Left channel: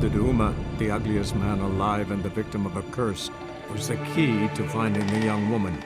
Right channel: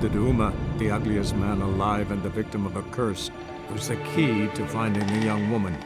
conclude that Uma, the ugliest man alive and the victim of a curse, was the key to finding the young woman.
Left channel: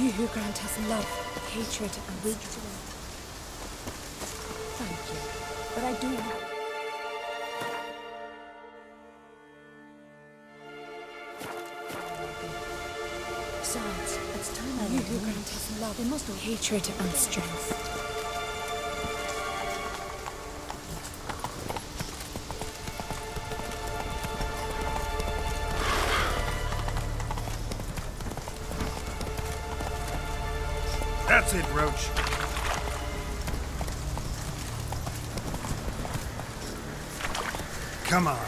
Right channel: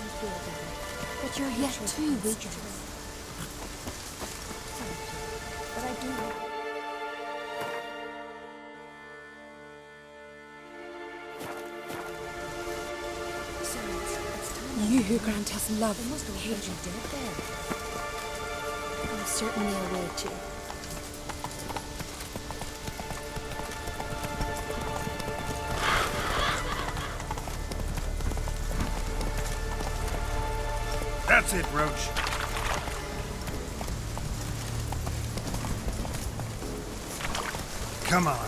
You who grant us love, but your hatred and strength. Thank you, but I do. Besides, it's time. You who grant us love, hatred and strength. I certainly will too. That's it, Roach. Come on.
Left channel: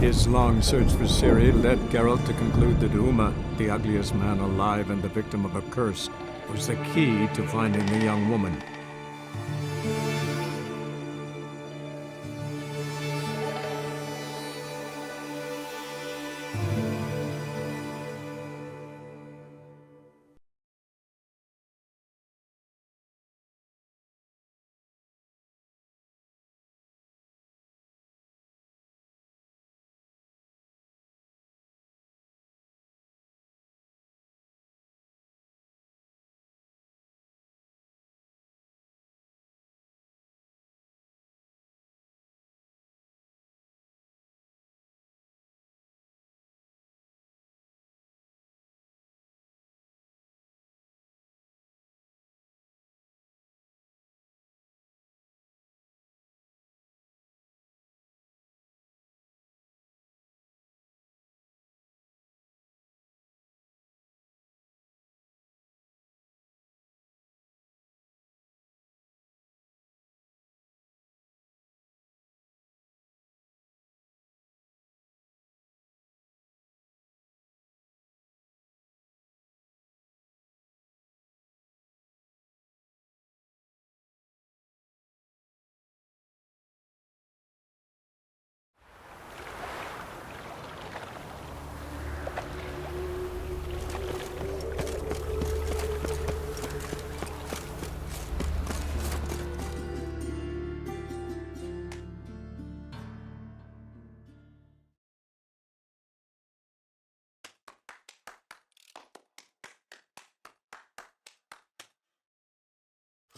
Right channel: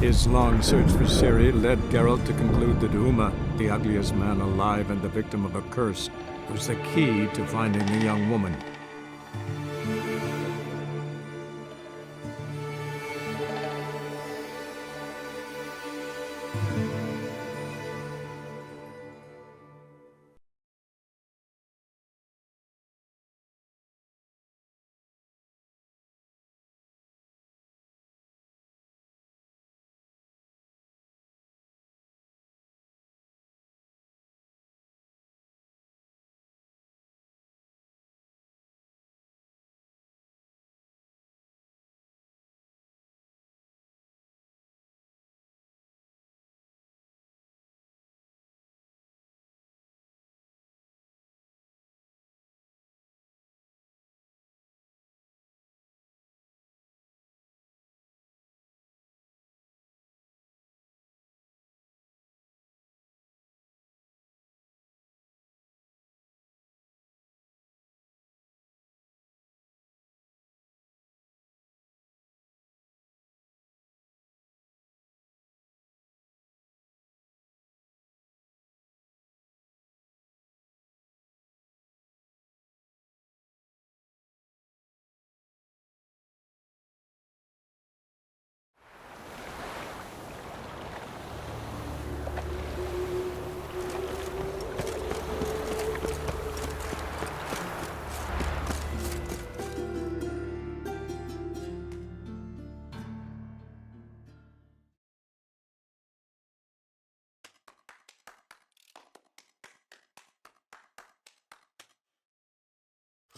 His long search for Ciri led Geralt to conclude that Uma, the ugliest man alive and the victim of a curse, was the key to finding the young woman.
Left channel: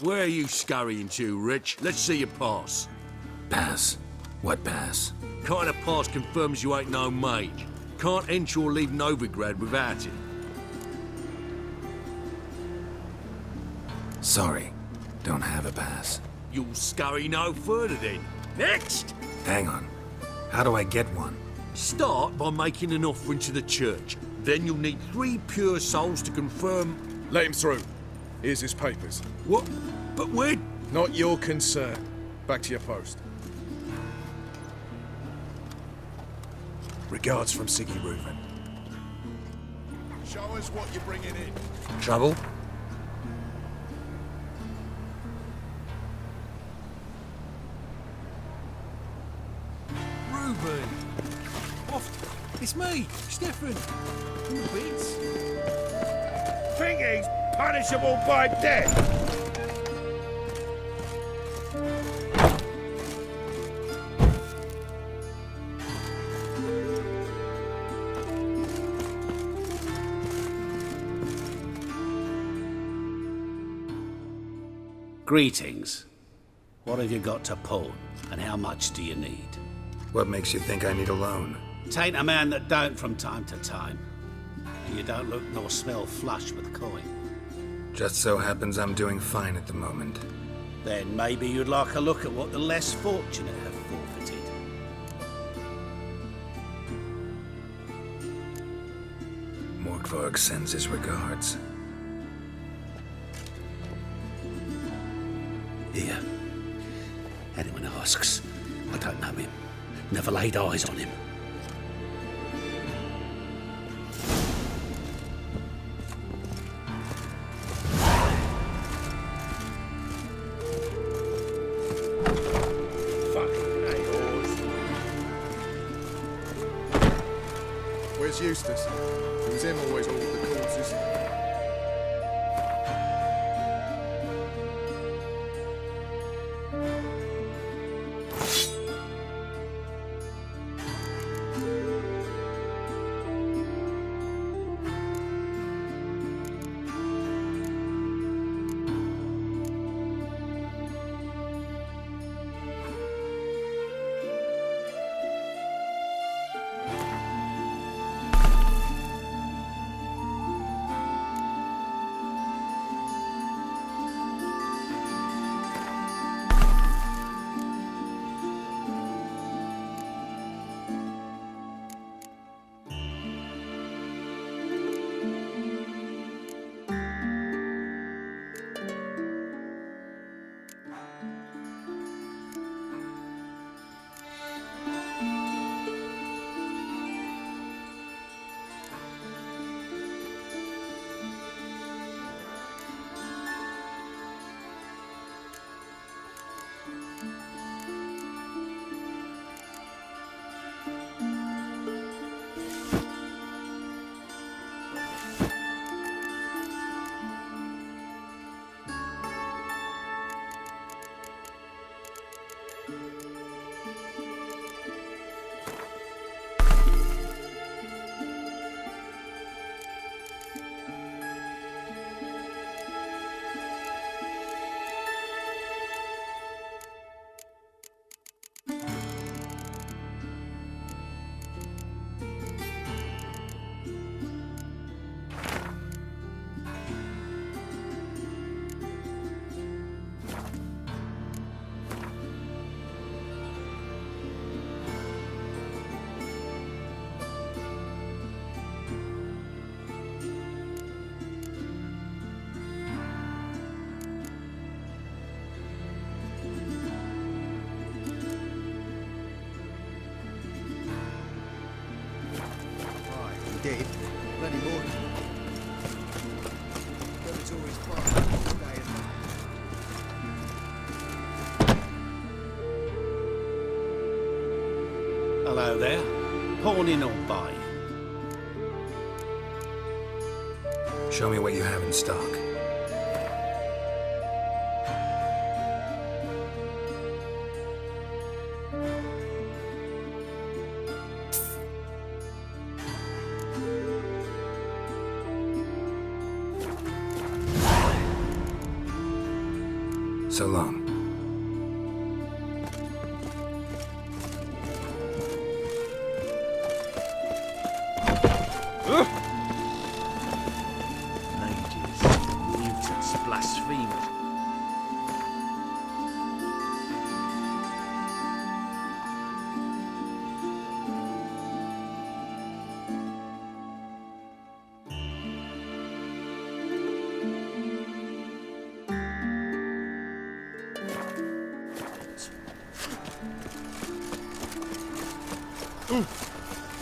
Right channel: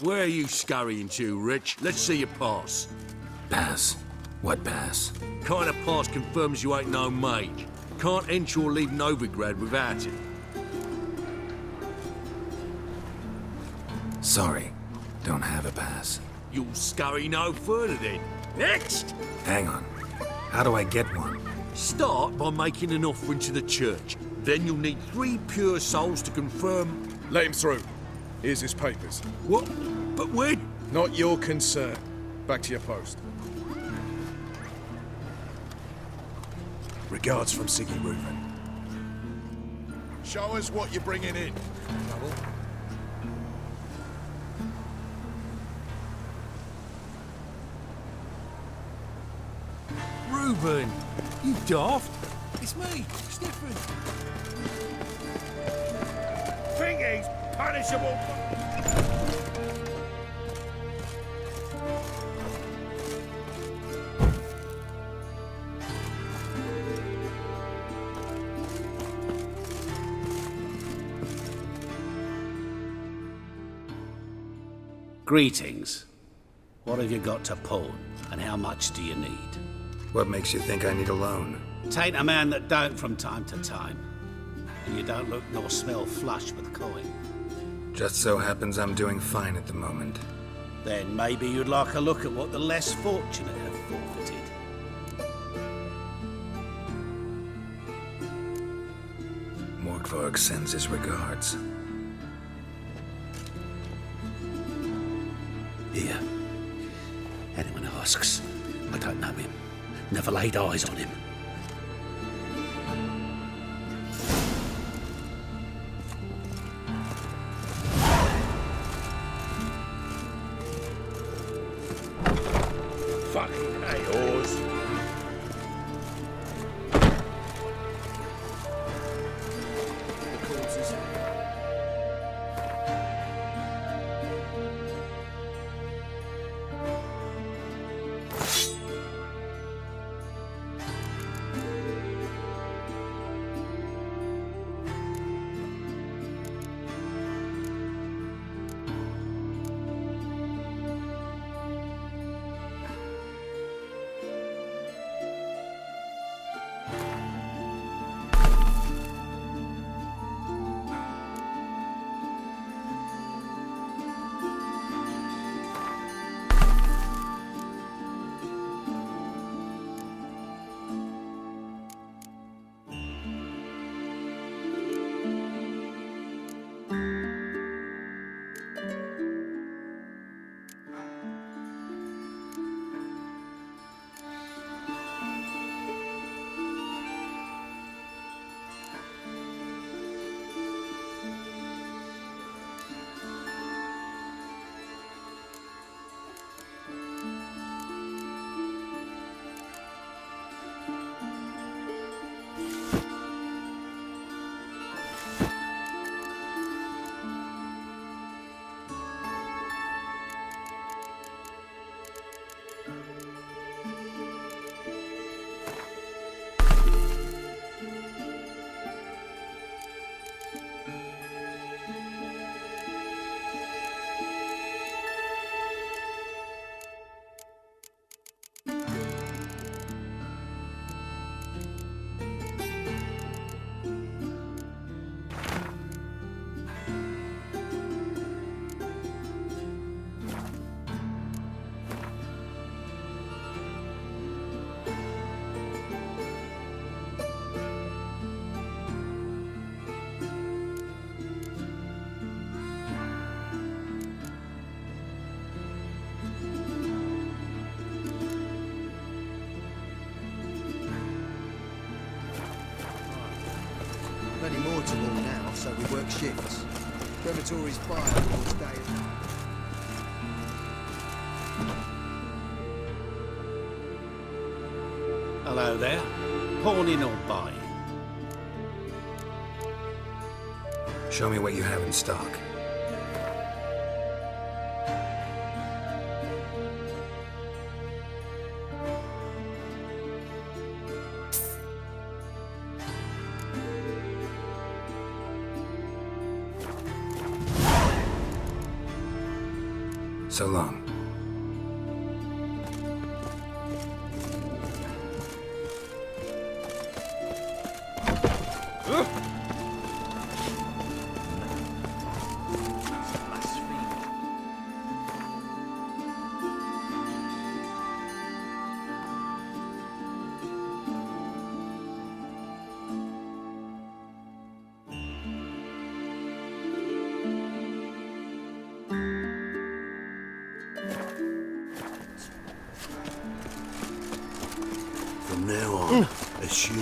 Where are you scurrying to, Rich? Let's see your pass. Pass? What pass? Kind of pass confirms you ain't no mage. Can't enter or leave Novigrad without it. Sorry, don't have a pass. You'll scurry no further then. Next! Hang on. How do I get one? Start by making an offering to the church. Then you'll need 3 pure souls to confirm... Let him through. Here's his papers. What? But where... Not your concern. Back to your post. Regards from Siggy Reuven. Show us what you're bringing in. Trouble? Reuben! You daft! It's me, Stefan! Think he's punishable by death? Greetings. What have you got to pawn, and how much do you need? What makes you think I need a loan? Tain't a man that don't from time to time. And you don't look nor smell flush with coin. Just so happens I'm doing fine at the moment. Then maybe you'd like a look at what the less fortunate have forfeited. Morkvarg sends his regards. Here. Anyone asks, I don't know him. Never laid eyes on him. Fucking A-Oars. Where's Eustace? It's him always with all the causes. Plenty more to them now, so we work shifts. Dormitories fire all day and night. Hello there. Pawning or buying? Show me what you have in stock. So long. Blasphemy. From now on, assume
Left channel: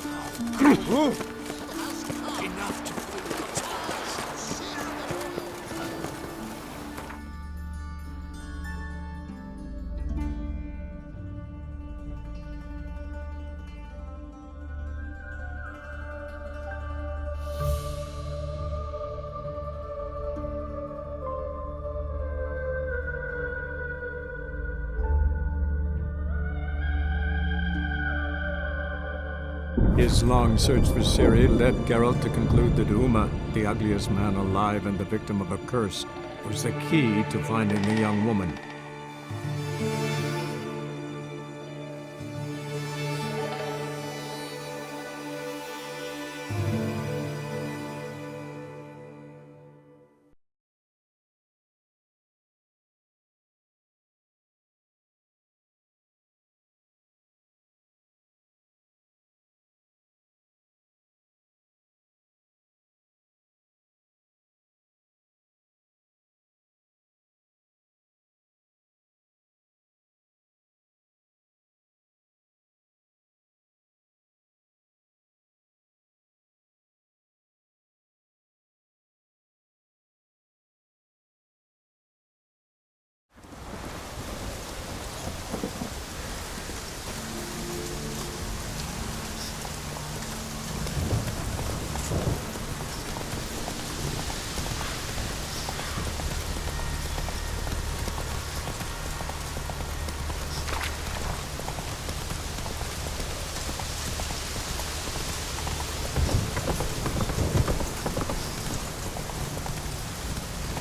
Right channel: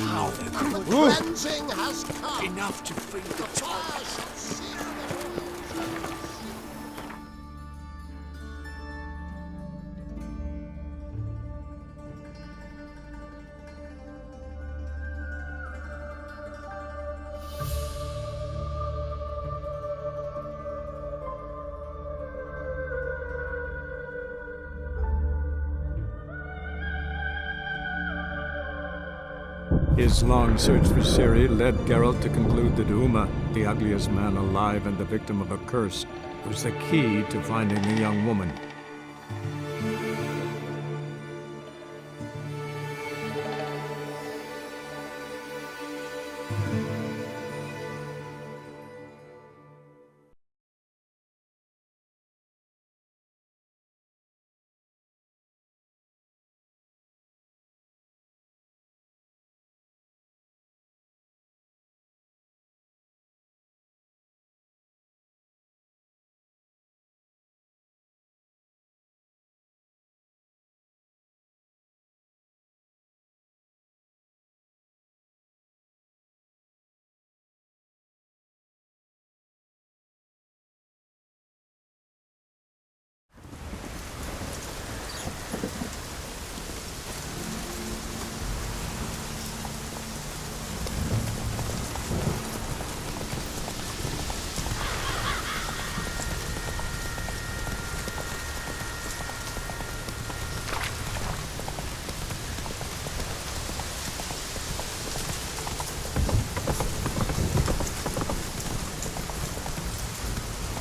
enough to fill the top. His long search for Ciri led Geralt to conclude that Uma, the ugliest man alive and the victim of a curse, was the key to finding the young woman.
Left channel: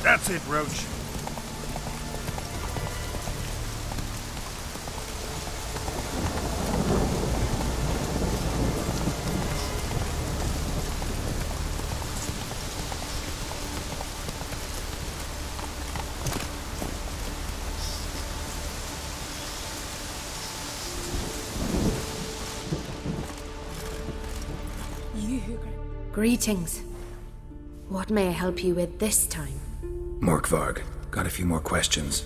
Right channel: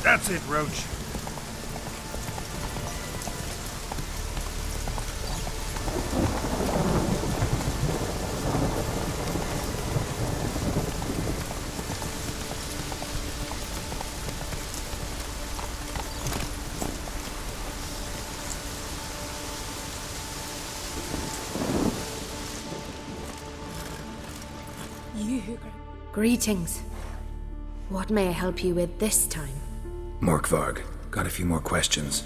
That's it, Roach. Greetings. What may I help you with this time? Morkvarg, got a few more questions.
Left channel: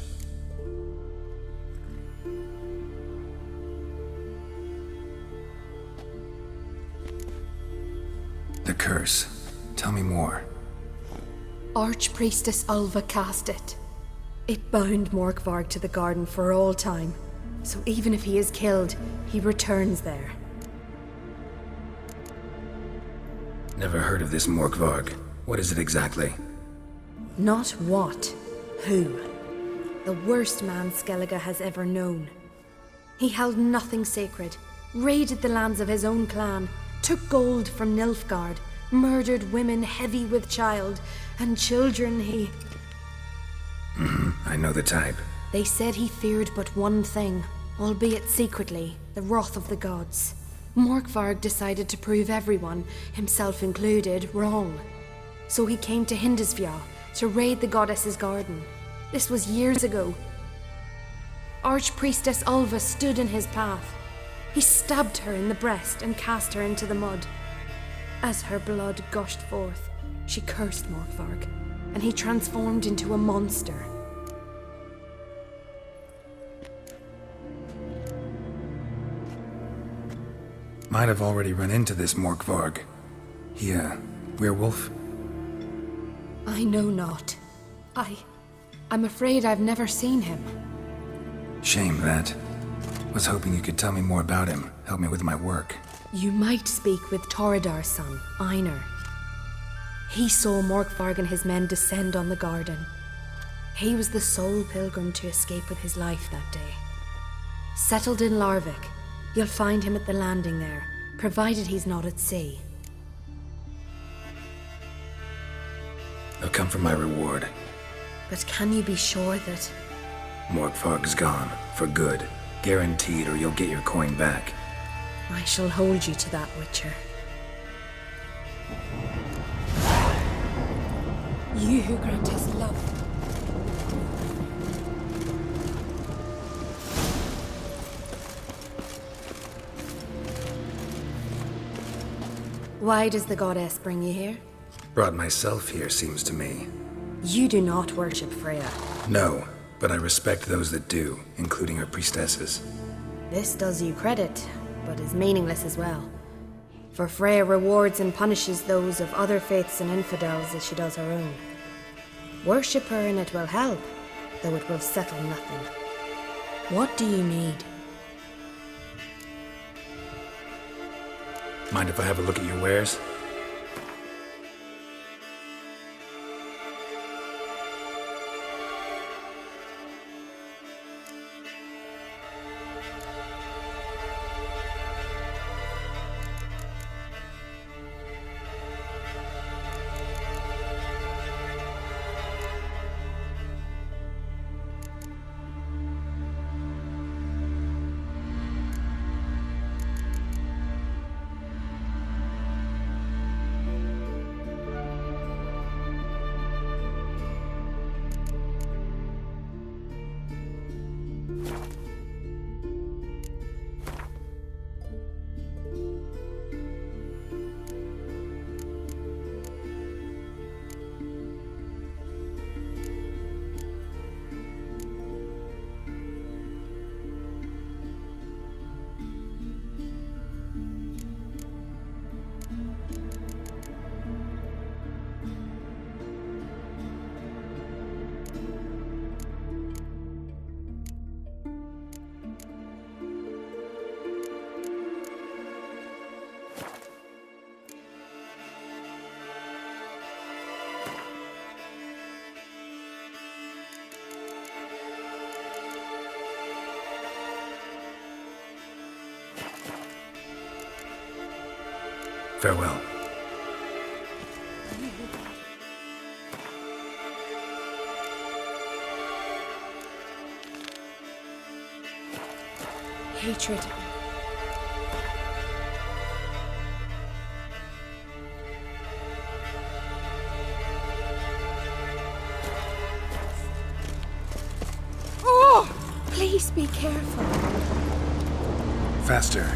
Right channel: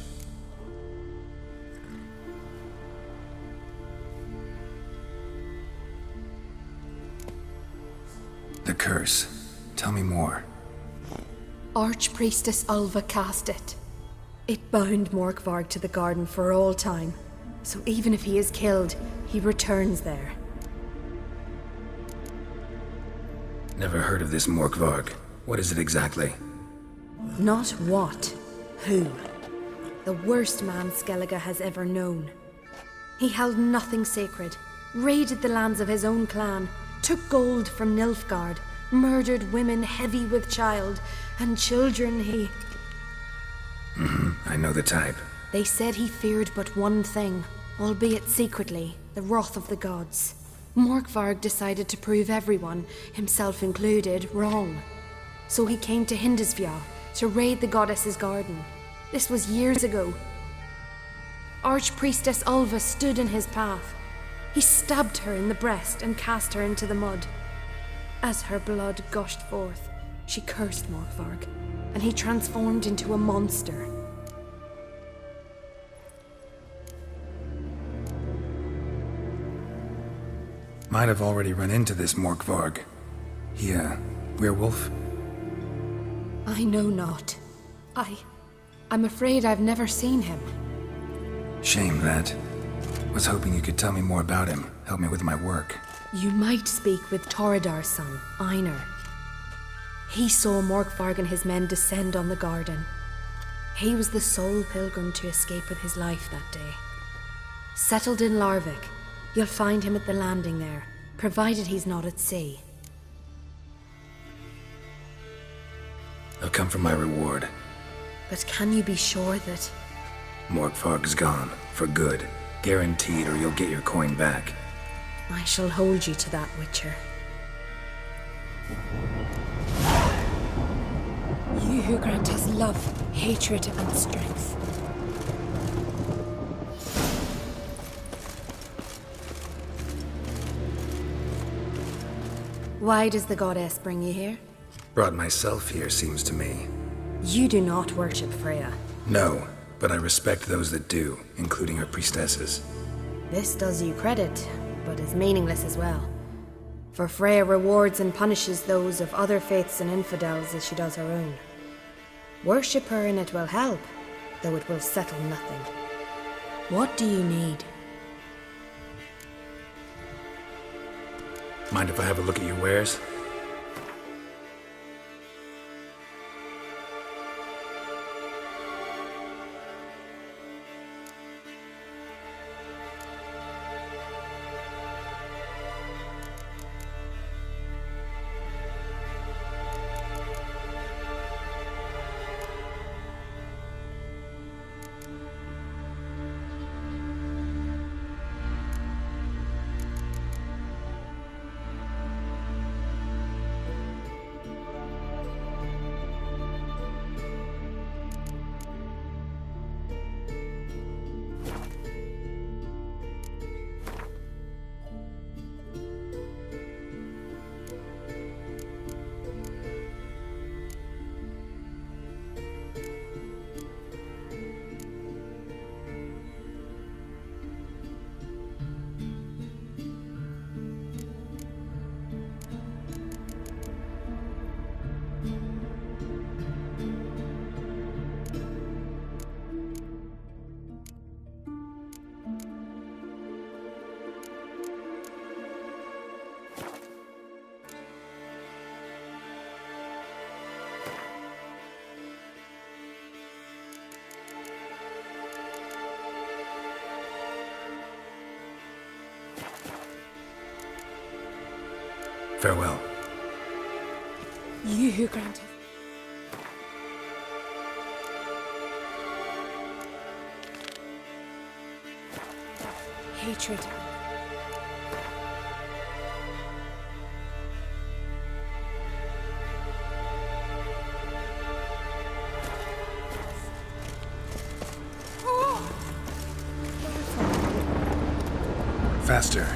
The curse. Tell me more. Archpriestess Ulva cast it. It bound Morkvarg to the garden for all time. So even if he is killed, he returns there. Never heard of this Morkvarg. What is it exactly? Not what, who. The worst man Skellige has ever known. He held nothing sacred, raided the lands of his own clan, took gold from Nilfgaard, murdered women heavy with child, and children he... I know the type. They said he feared but one thing, albeit secretly, the wrath of the gods. Morkvarg decided to prove everyone, himself included, wrong. So he came to Hindisvia to raid the goddess's garden. This was years ago. Archpriestess Ulva stood in his path. He stabbed her in the breast and cast her into the mud. As her blood gushed forth, she cursed Morkvarg, and he transformed into a monster. Might have already run into this Morkvarg. He, werewolf? I know not. I'm afraid I've never seen him. Shame that. Was hoping you could tell me more about him, help me with my work. You might speak with Toredar's son, Einar. He saw Morkvarg and his men descend on the garden. He was the sole pilgrim to escape with his life that day. Settled in Larvik, you'll find him at the landing there, provided he's not at sea. I'll come for my reward. But can you be sure that... Morkvarg's gone, for good. Guaranteed, or you'll get your coin back. I shall hold you to that, Witcher. You who grant us love, hatred, and strength. Why does the goddess bring you here? Brought myself here, seems to me. You do not worship Freya. No, but I respect those that do, including her priestesses. This does you credit, but is meaningless as well. For Freya rewards and punishes those of other faiths and infidels as she does her own. Worship her and it will help, though it will settle nothing. What do you need? Mind if I have a look at your wares? Farewell. You who granted. Hatred. Oh! Please be careful. Faster.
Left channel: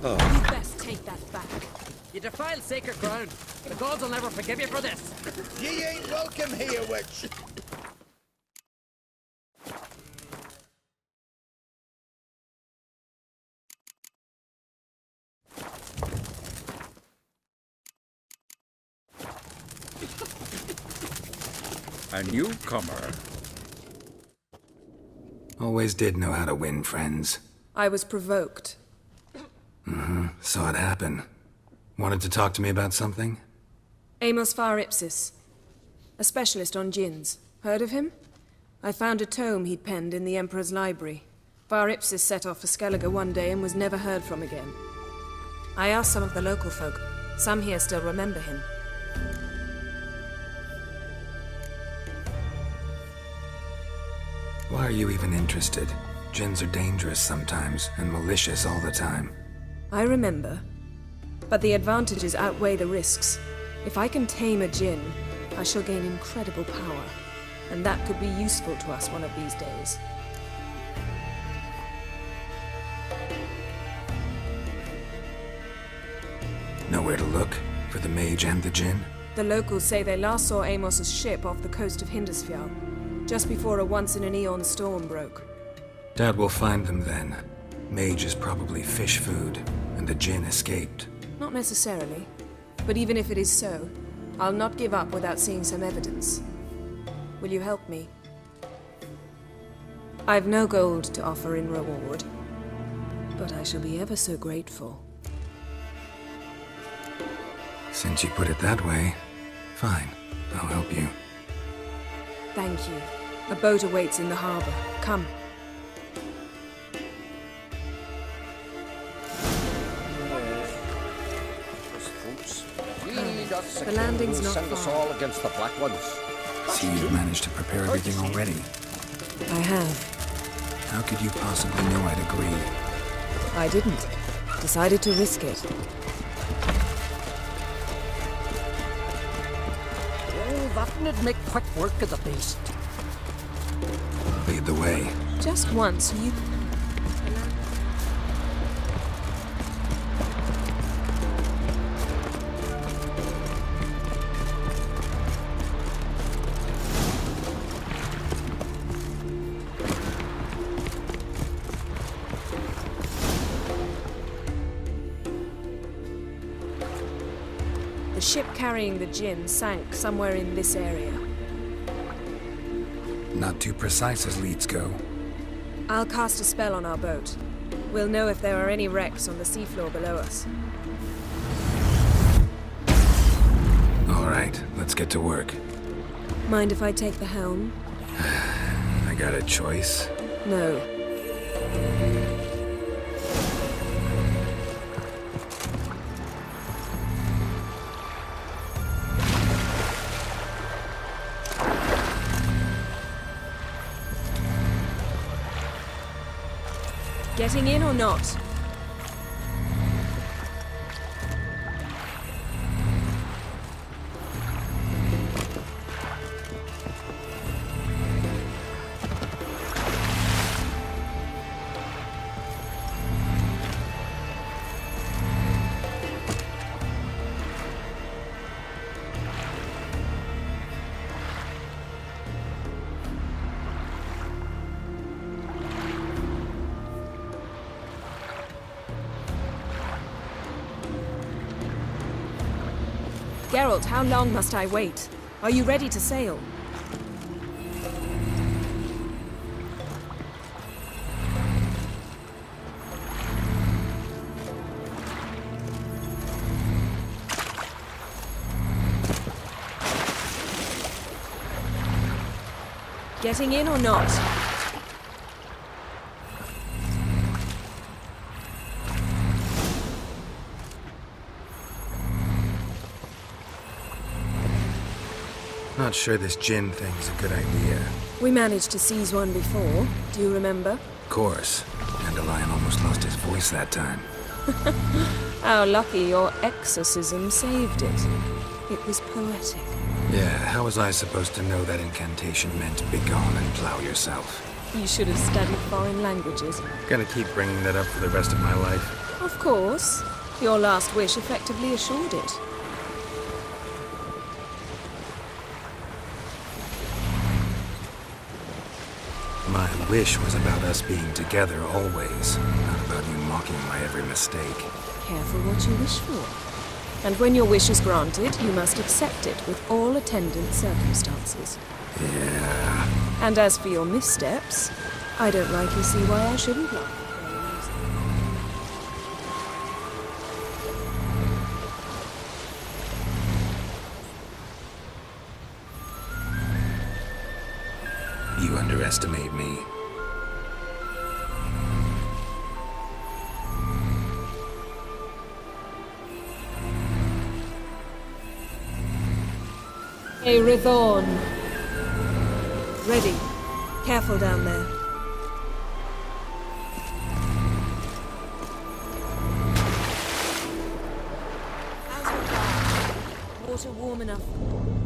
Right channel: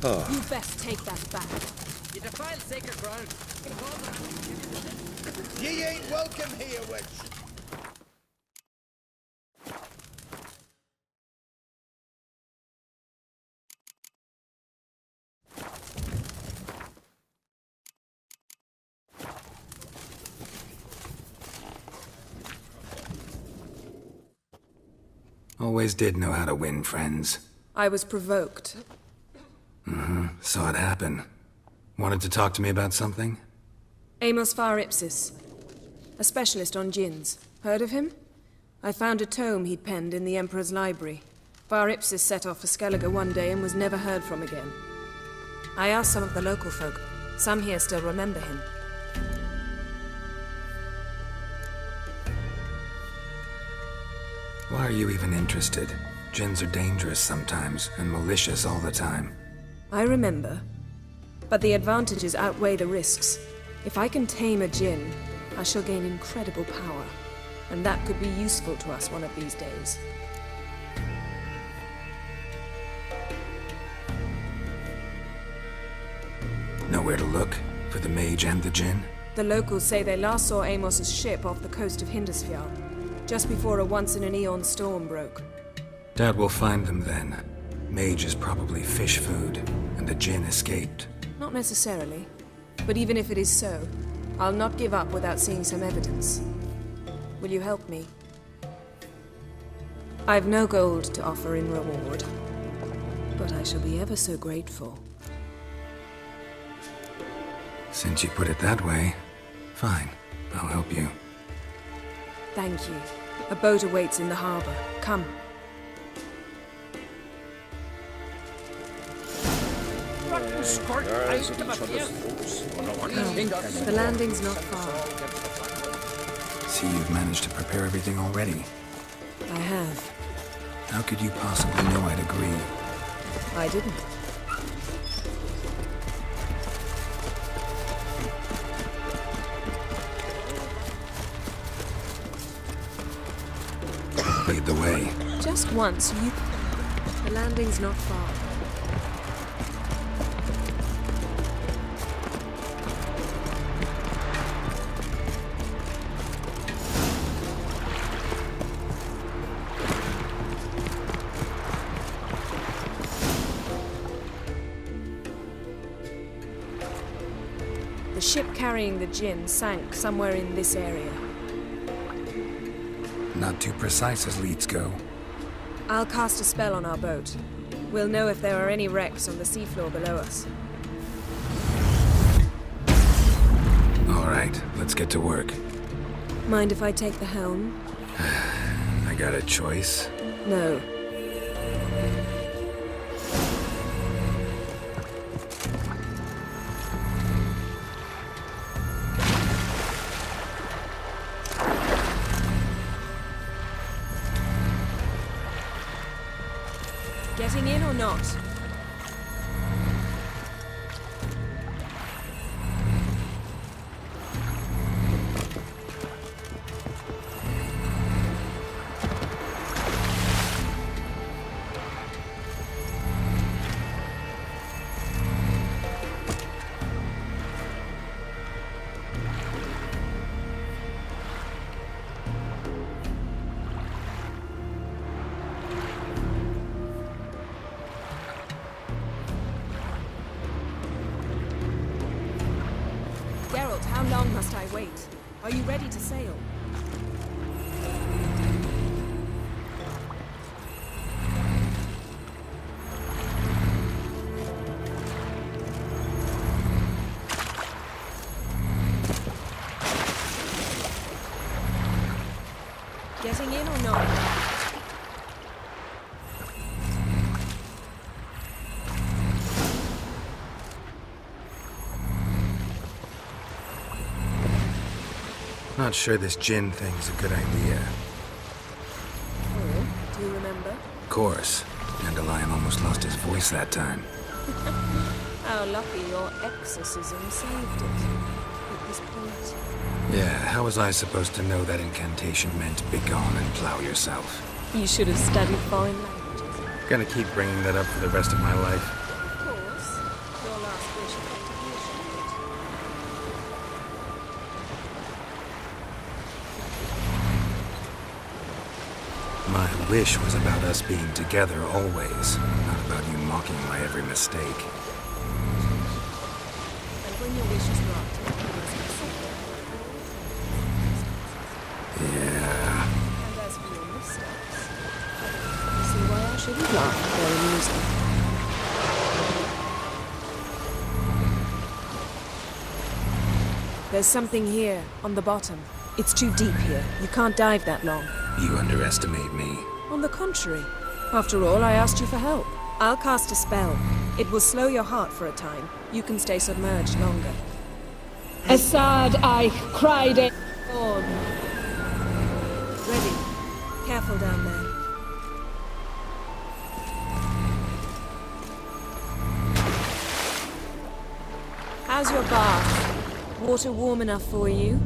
You best take that back. You defile sacred ground. The gods will never forgive you for this. Ye ain't welcome here, witch. A newcomer. Always did know how to win friends. I was provoked. Saw it happen. Wanted to talk to me about something? Amos Far Ipsis. A specialist on djinns. Heard of him? I found a tome he'd penned in the Emperor's library. Far Ipsis set off for Skellige one day and was never heard from again. I asked some of the local folk. Some here still remember him. Why are you even interested? Djinns are dangerous sometimes, and malicious all the time. I remember. But the advantages outweigh the risks. If I can tame a djinn, I shall gain incredible power. And that could be useful to us one of these days. Nowhere to look? For the mage and the djinn? The locals say they last saw Amos's ship off the coast of Hindisfjall, just before a once-in-an-eon storm broke. Doubt we'll find them then. Mage is probably fish food, and the djinn escaped. Not necessarily. But even if it is so, I'll not give up without seeing some evidence. Will you help me? I've no gold to offer in reward, but I shall be ever so grateful. Since you put it that way, fine. I'll help you. Thank you. A boat awaits in the harbor. Come. The landing's not far. Against the black ones. See, you've managed to prepare everything already. I have. How could you possibly know I'd agree? I didn't. Decided to risk it. Oh, that would make quick work of the beast. Lead the way. Just once, you... The landing's not far. The ship carrying the djinn sank somewhere in this area. Not too precise as leads go. I'll cast a spell on our boat. We'll know if there are any wrecks on the seafloor below us. All right, let's get to work. Mind if I take the helm? I got a choice. No. Getting in or not? Geralt, how long must I wait? Are you ready to sail? Getting in or not? Not sure this gin thing's a good idea. We managed to seize one before. Do you remember? Of course. Dandelion almost lost his voice that time. How lucky your exorcism saved it. It was poetic. Yeah, how was I supposed to know that incantation meant begone and plow yourself? You should have studied foreign languages. Gonna keep bringing that up for the rest of my life. Of course. Your last wish effectively assured it. My wish was about us being together always, not about you mocking my every mistake. Careful what you wish for. And when your wish is granted, you must accept it with all attendant circumstances. Yeah. And as for your missteps, I don't rightly see why I shouldn't laugh. They're amusing. There's something here, on the bottom. It's too deep here. You can't dive that long. You underestimate me. On the contrary. After all, I asked you for help. I'll cast a spell. It will slow your heart for a time. You can stay submerged longer. Assad I cried a Rithorn. Ready. Careful down there. How's your bath? Water warm enough for you?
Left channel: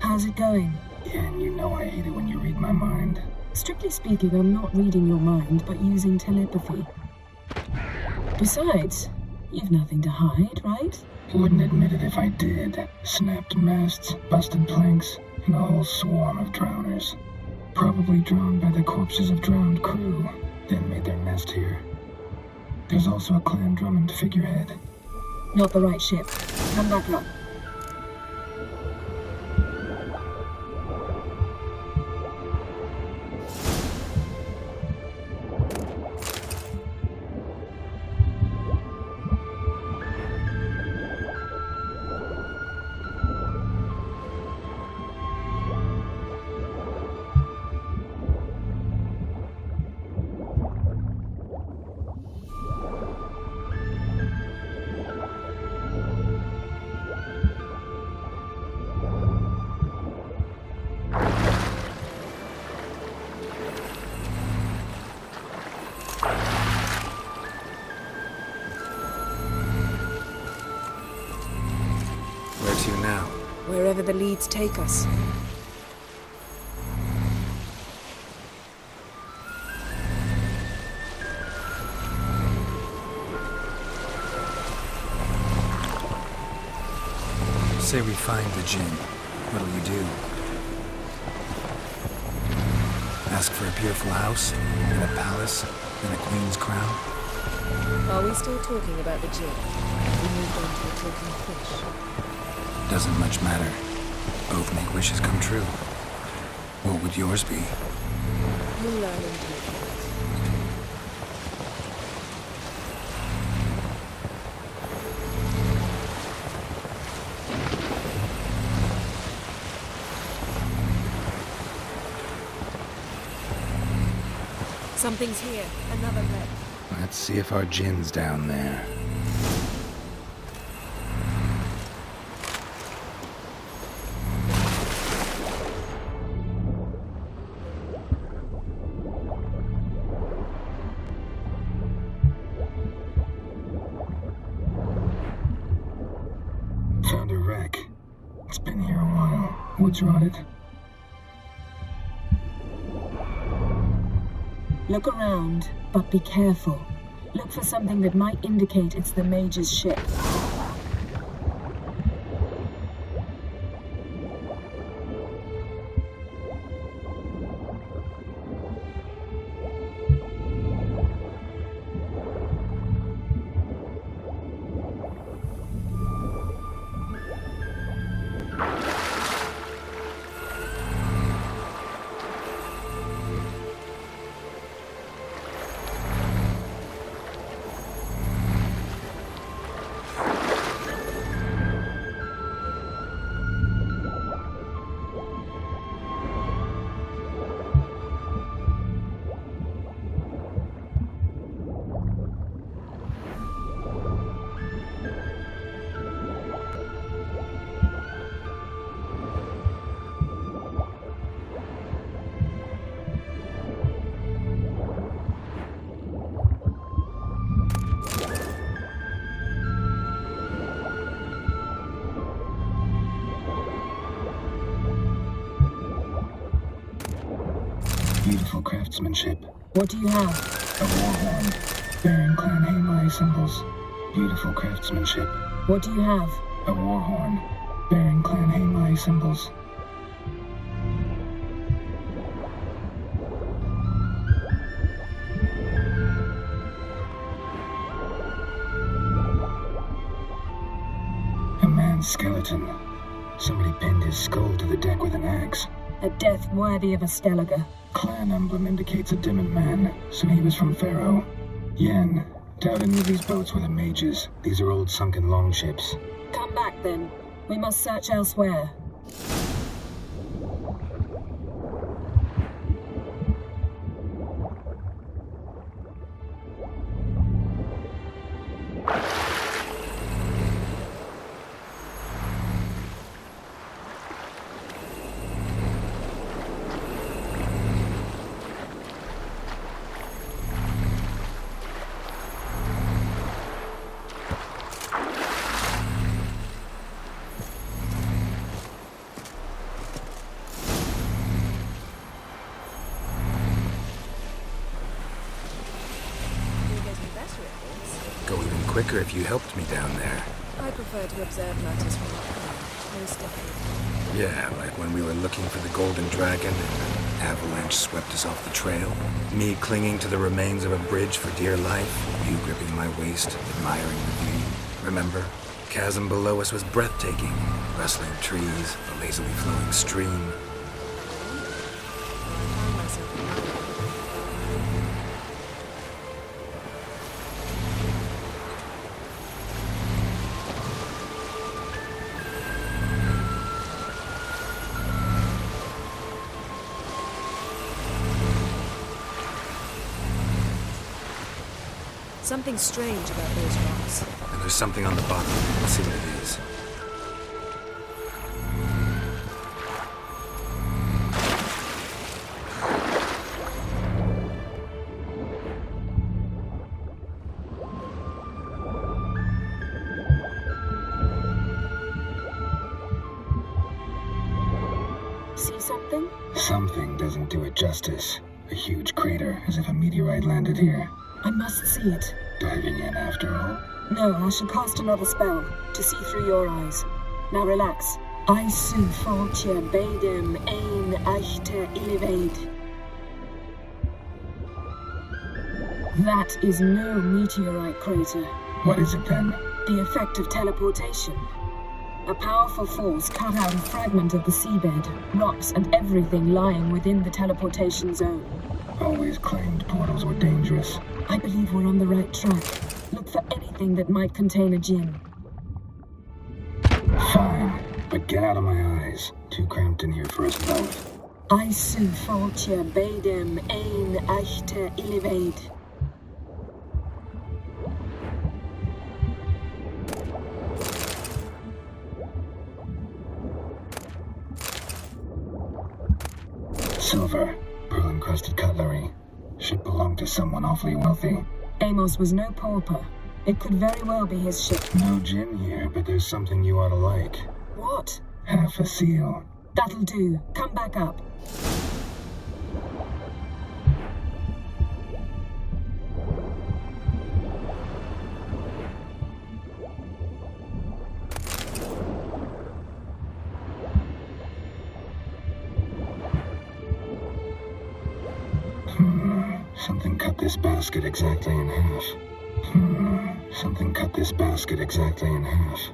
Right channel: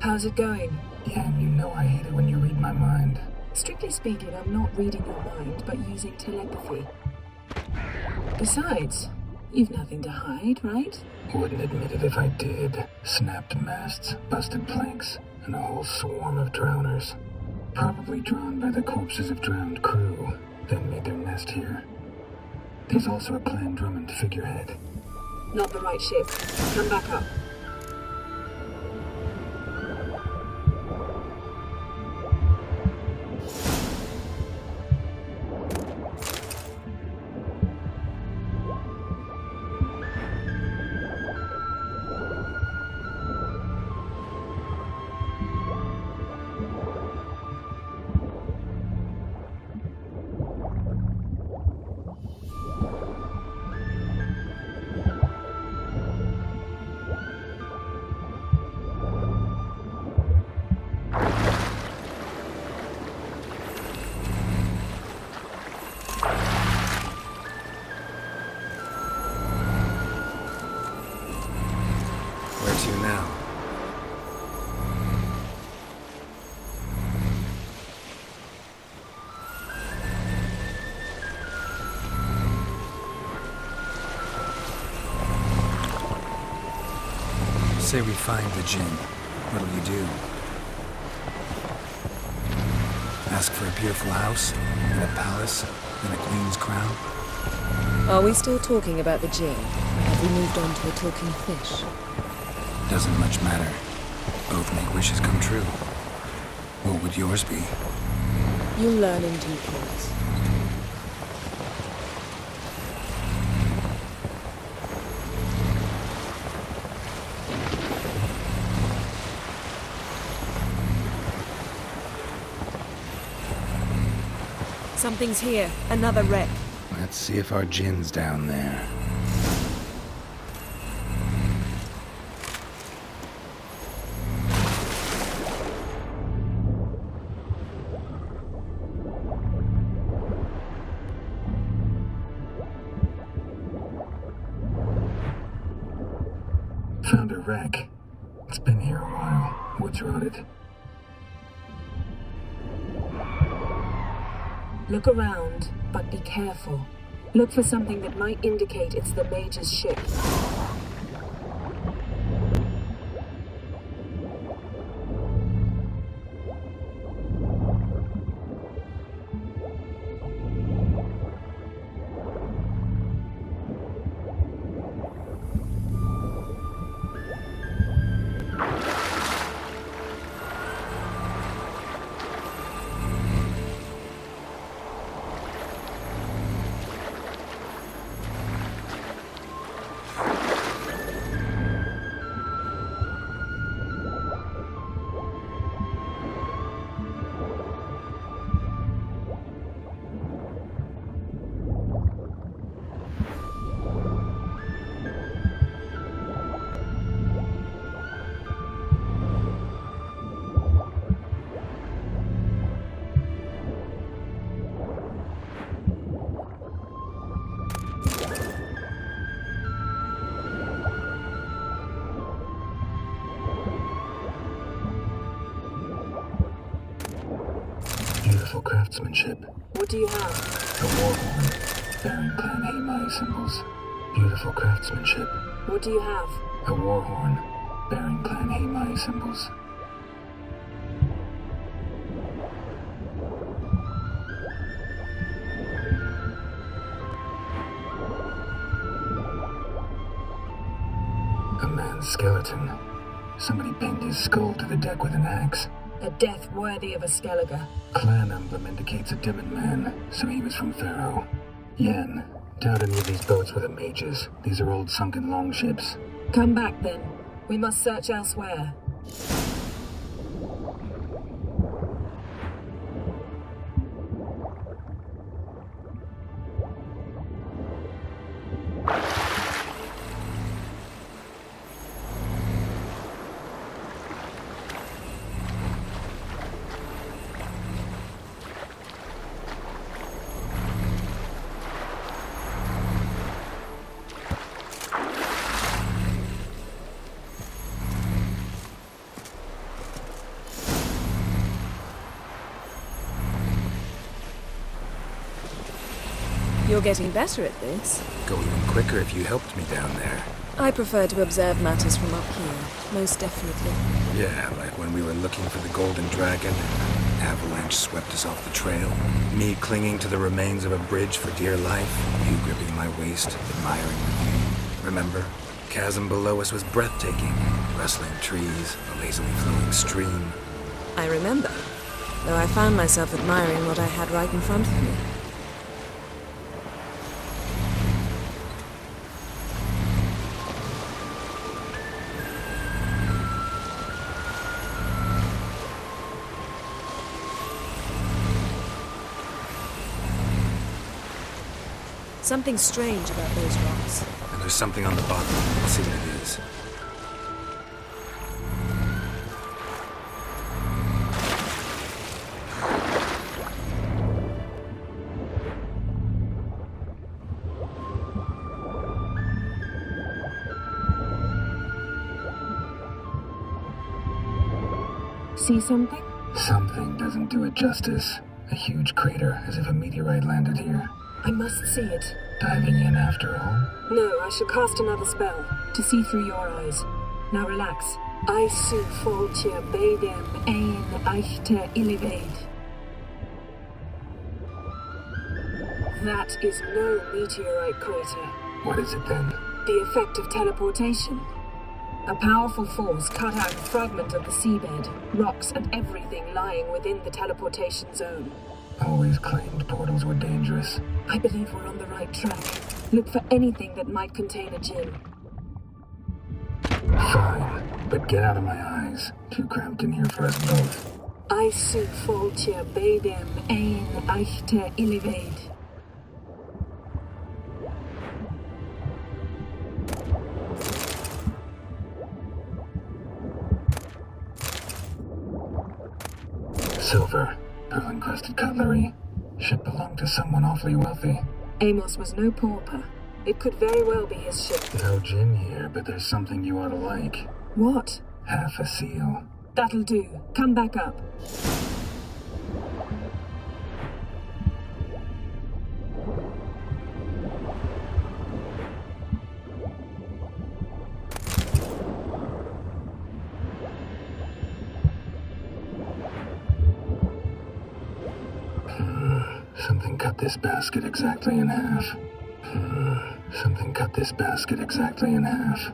How's it going? Yeah, and you know I hate it when you read my mind. Strictly speaking, I'm not reading your mind, but using telepathy. Besides, you've nothing to hide, right? Wouldn't admit it if I did. Snapped masts, busted planks, and a whole swarm of drowners. Probably drawn by the corpses of drowned crew, then made their nest here. There's also a Clan Drummond figurehead. Not the right ship. Come back up. Where to now? Wherever the leads take us. Say we find the gin. What'll you do? Ask for a beautiful house, and a palace, and a queen's crown? Are we still talking about the Jinn? Have we moved on to a talking fish? Doesn't much matter. Both make wishes come true. What would yours be? You'll learn in due course. Something's here. Another wreck. Let's see if our Jinn's down there. Found a wreck. It's been here a while. Wood's rotted. Look around, but be careful. Look for something that might indicate it's the Mage's ship. Beautiful craftsmanship. What do you have? A war horn, bearing Clan Haemai symbols. Beautiful craftsmanship. What do you have? A war horn, bearing Clan Haemai symbols. A man's skeleton. Somebody pinned his skull to the deck with an axe. A death worthy of a Skellige. Clan emblem indicates a Dimmen man, so he was from Pharaoh. Yen, doubt any of these boats were the mages. These are old sunken longships. Come back then. We must search elsewhere. You're getting better at this. Go even quicker if you helped me down there. I prefer to observe matters from up here, most definitely. Yeah, like when we were looking for the Golden Dragon and avalanche swept us off the trail. Me clinging to the remains of a bridge for dear life. You gripping my waist, admiring the view. Remember? Chasm below us was breathtaking. Rustling trees, a lazily flowing stream. I remember, though I found myself admiring what I had right in front of me. Something strange about those rocks. And there's something on the bottom. Let's see what it is. See something? Something doesn't do it justice. A huge crater, as if a meteorite landed here. I must see it. Diving in after all? No, I shall cast another spell, to see through your eyes. Now relax. Aisu foltia beidem ein eichter iliveid. That is no meteorite crater. What is it then? The effect of teleportation. A powerful force cut out a fragment of the seabed, rocks and everything lying within the teleportation zone. Always claimed portals were dangerous. I believe we're on the right track. Look for anything that might contain a djinn. Fine, but get out of my eyes. Too cramped in here for us both. Aisu foltia beidem ein eichte ilivaid. Silver, pearl-encrusted cutlery. Should belong to someone awfully wealthy. Amos was no pauper. It could very well be his ship. No gin here, but there's something you ought to like. What? Half a seal. That'll do. Come back up. Something cut this basket exactly in half. Something cut this basket exactly in half.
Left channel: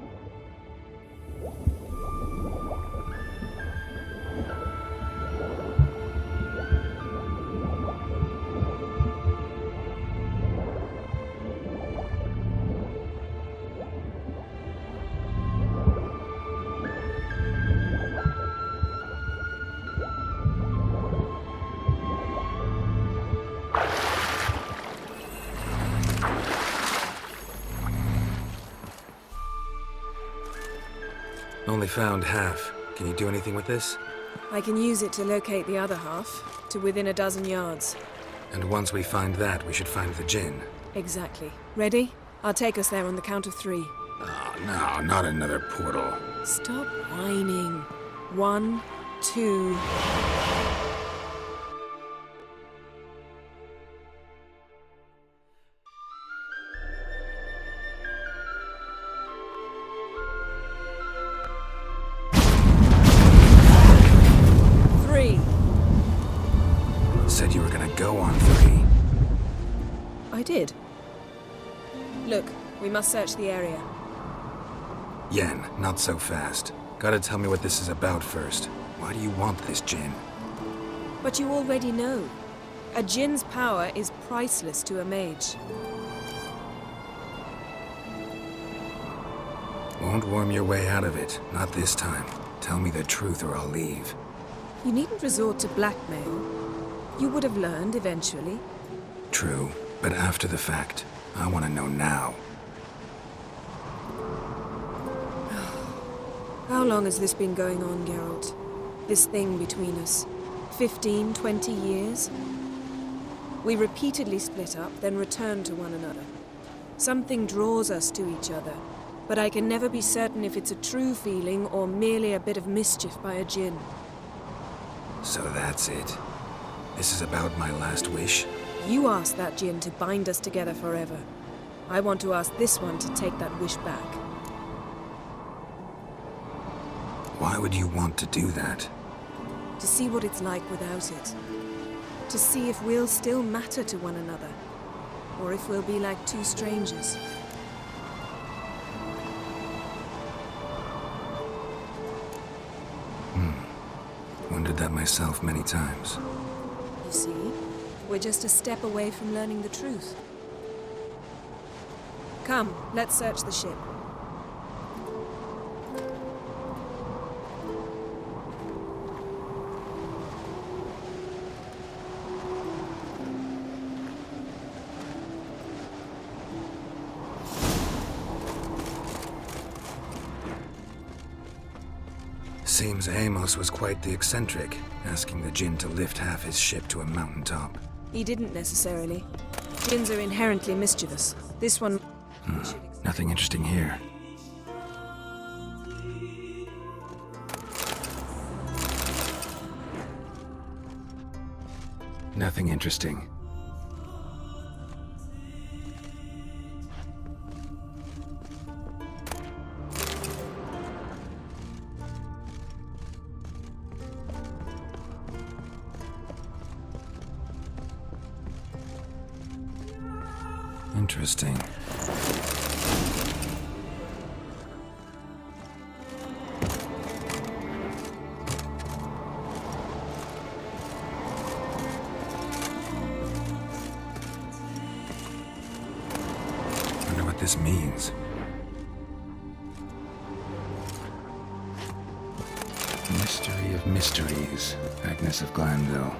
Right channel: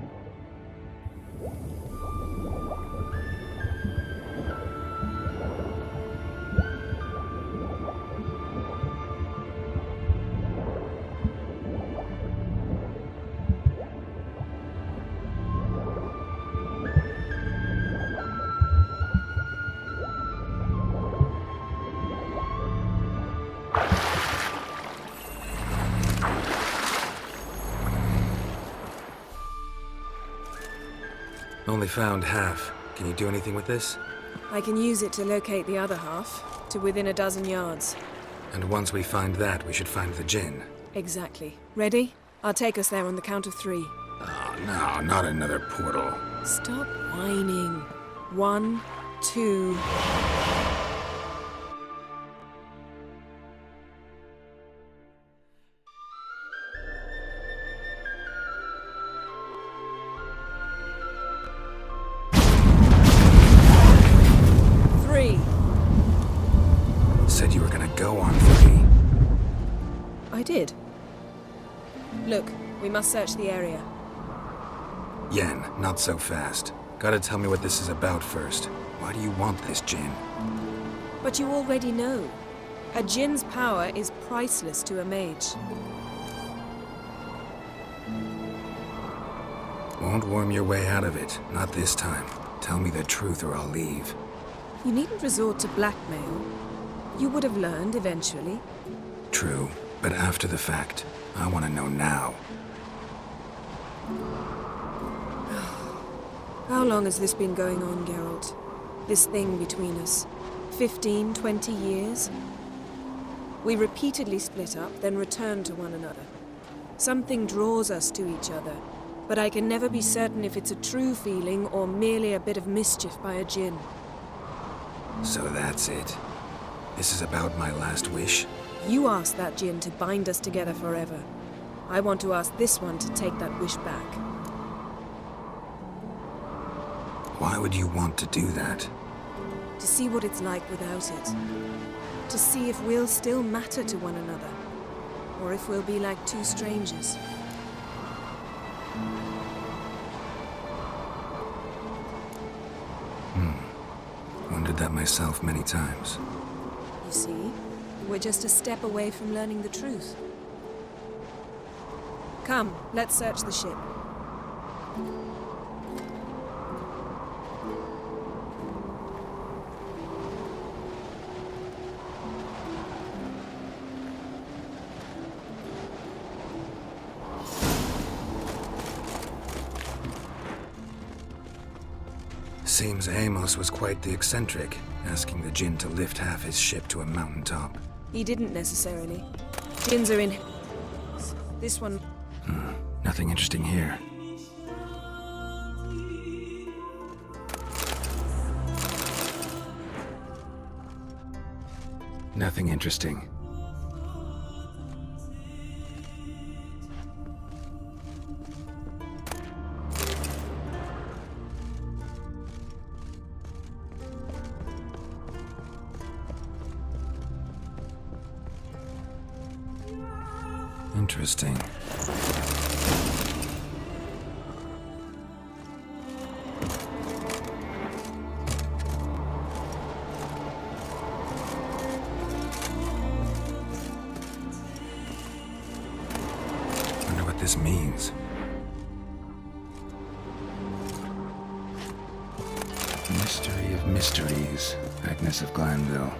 Only found half. Can you do anything with this? I can use it to locate the other half, to within a dozen yards. And once we find that, we should find the djinn. Exactly. Ready? I'll take us there on the count of 3. Oh, no, not another portal. Stop whining. 1, 2... Said you were gonna go on 3. I did. Look, we must search the area. Yen, not so fast. Gotta tell me what this is about first. Why do you want this djinn? But you already know. A djinn's power is priceless to a mage. Won't worm your way out of it. Not this time. Tell me the truth or I'll leave. You needn't resort to blackmail. You would have learned eventually. True, but after the fact. I want to know now. How long has this been going on, Geralt? This thing between us? 15, 20 years? We repeatedly split up, then returned to one another. Something draws us to each other, but I can never be certain if it's a true feeling or merely a bit of mischief by a djinn. So that's it. This is about my last wish? You asked that djinn to bind us together forever. I want to ask this one to take that wish back. Why would you want to do that? To see what it's like without it. To see if we'll still matter to one another. Or if we'll be like two strangers. Wondered that myself many times. You see, we're just a step away from learning the truth. Come, let's search the ship. Seems Amos was quite the eccentric, asking the djinn to lift half his ship to a mountaintop. He didn't necessarily. Djinns are inherently mischievous. This one... Nothing interesting here. Nothing interesting. Interesting. Wonder what this means. Mystery of Mysteries, Agnes of Glanville.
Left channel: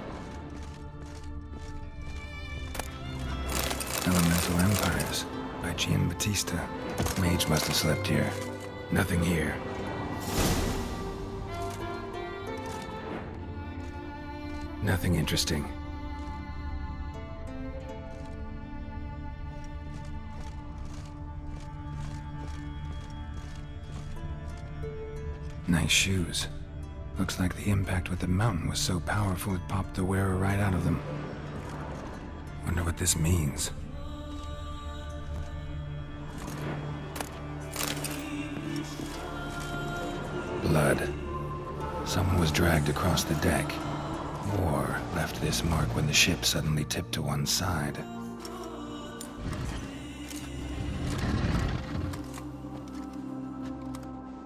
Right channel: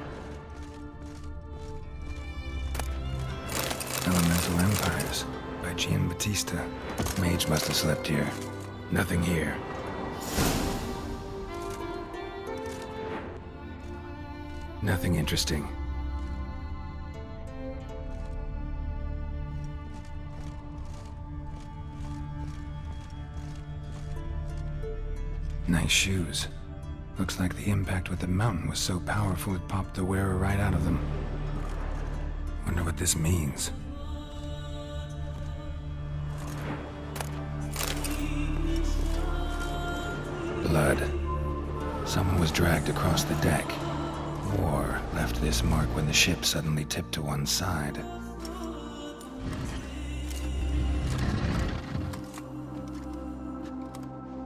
Elemental Empires, by Gian Battista. Mage must have slept here. Nothing here. Nothing interesting. Nice shoes. Looks like the impact with the mountain was so powerful it popped the wearer right out of them. Wonder what this means. Blood. Someone was dragged across the deck. War left this mark when the ship suddenly tipped to one side.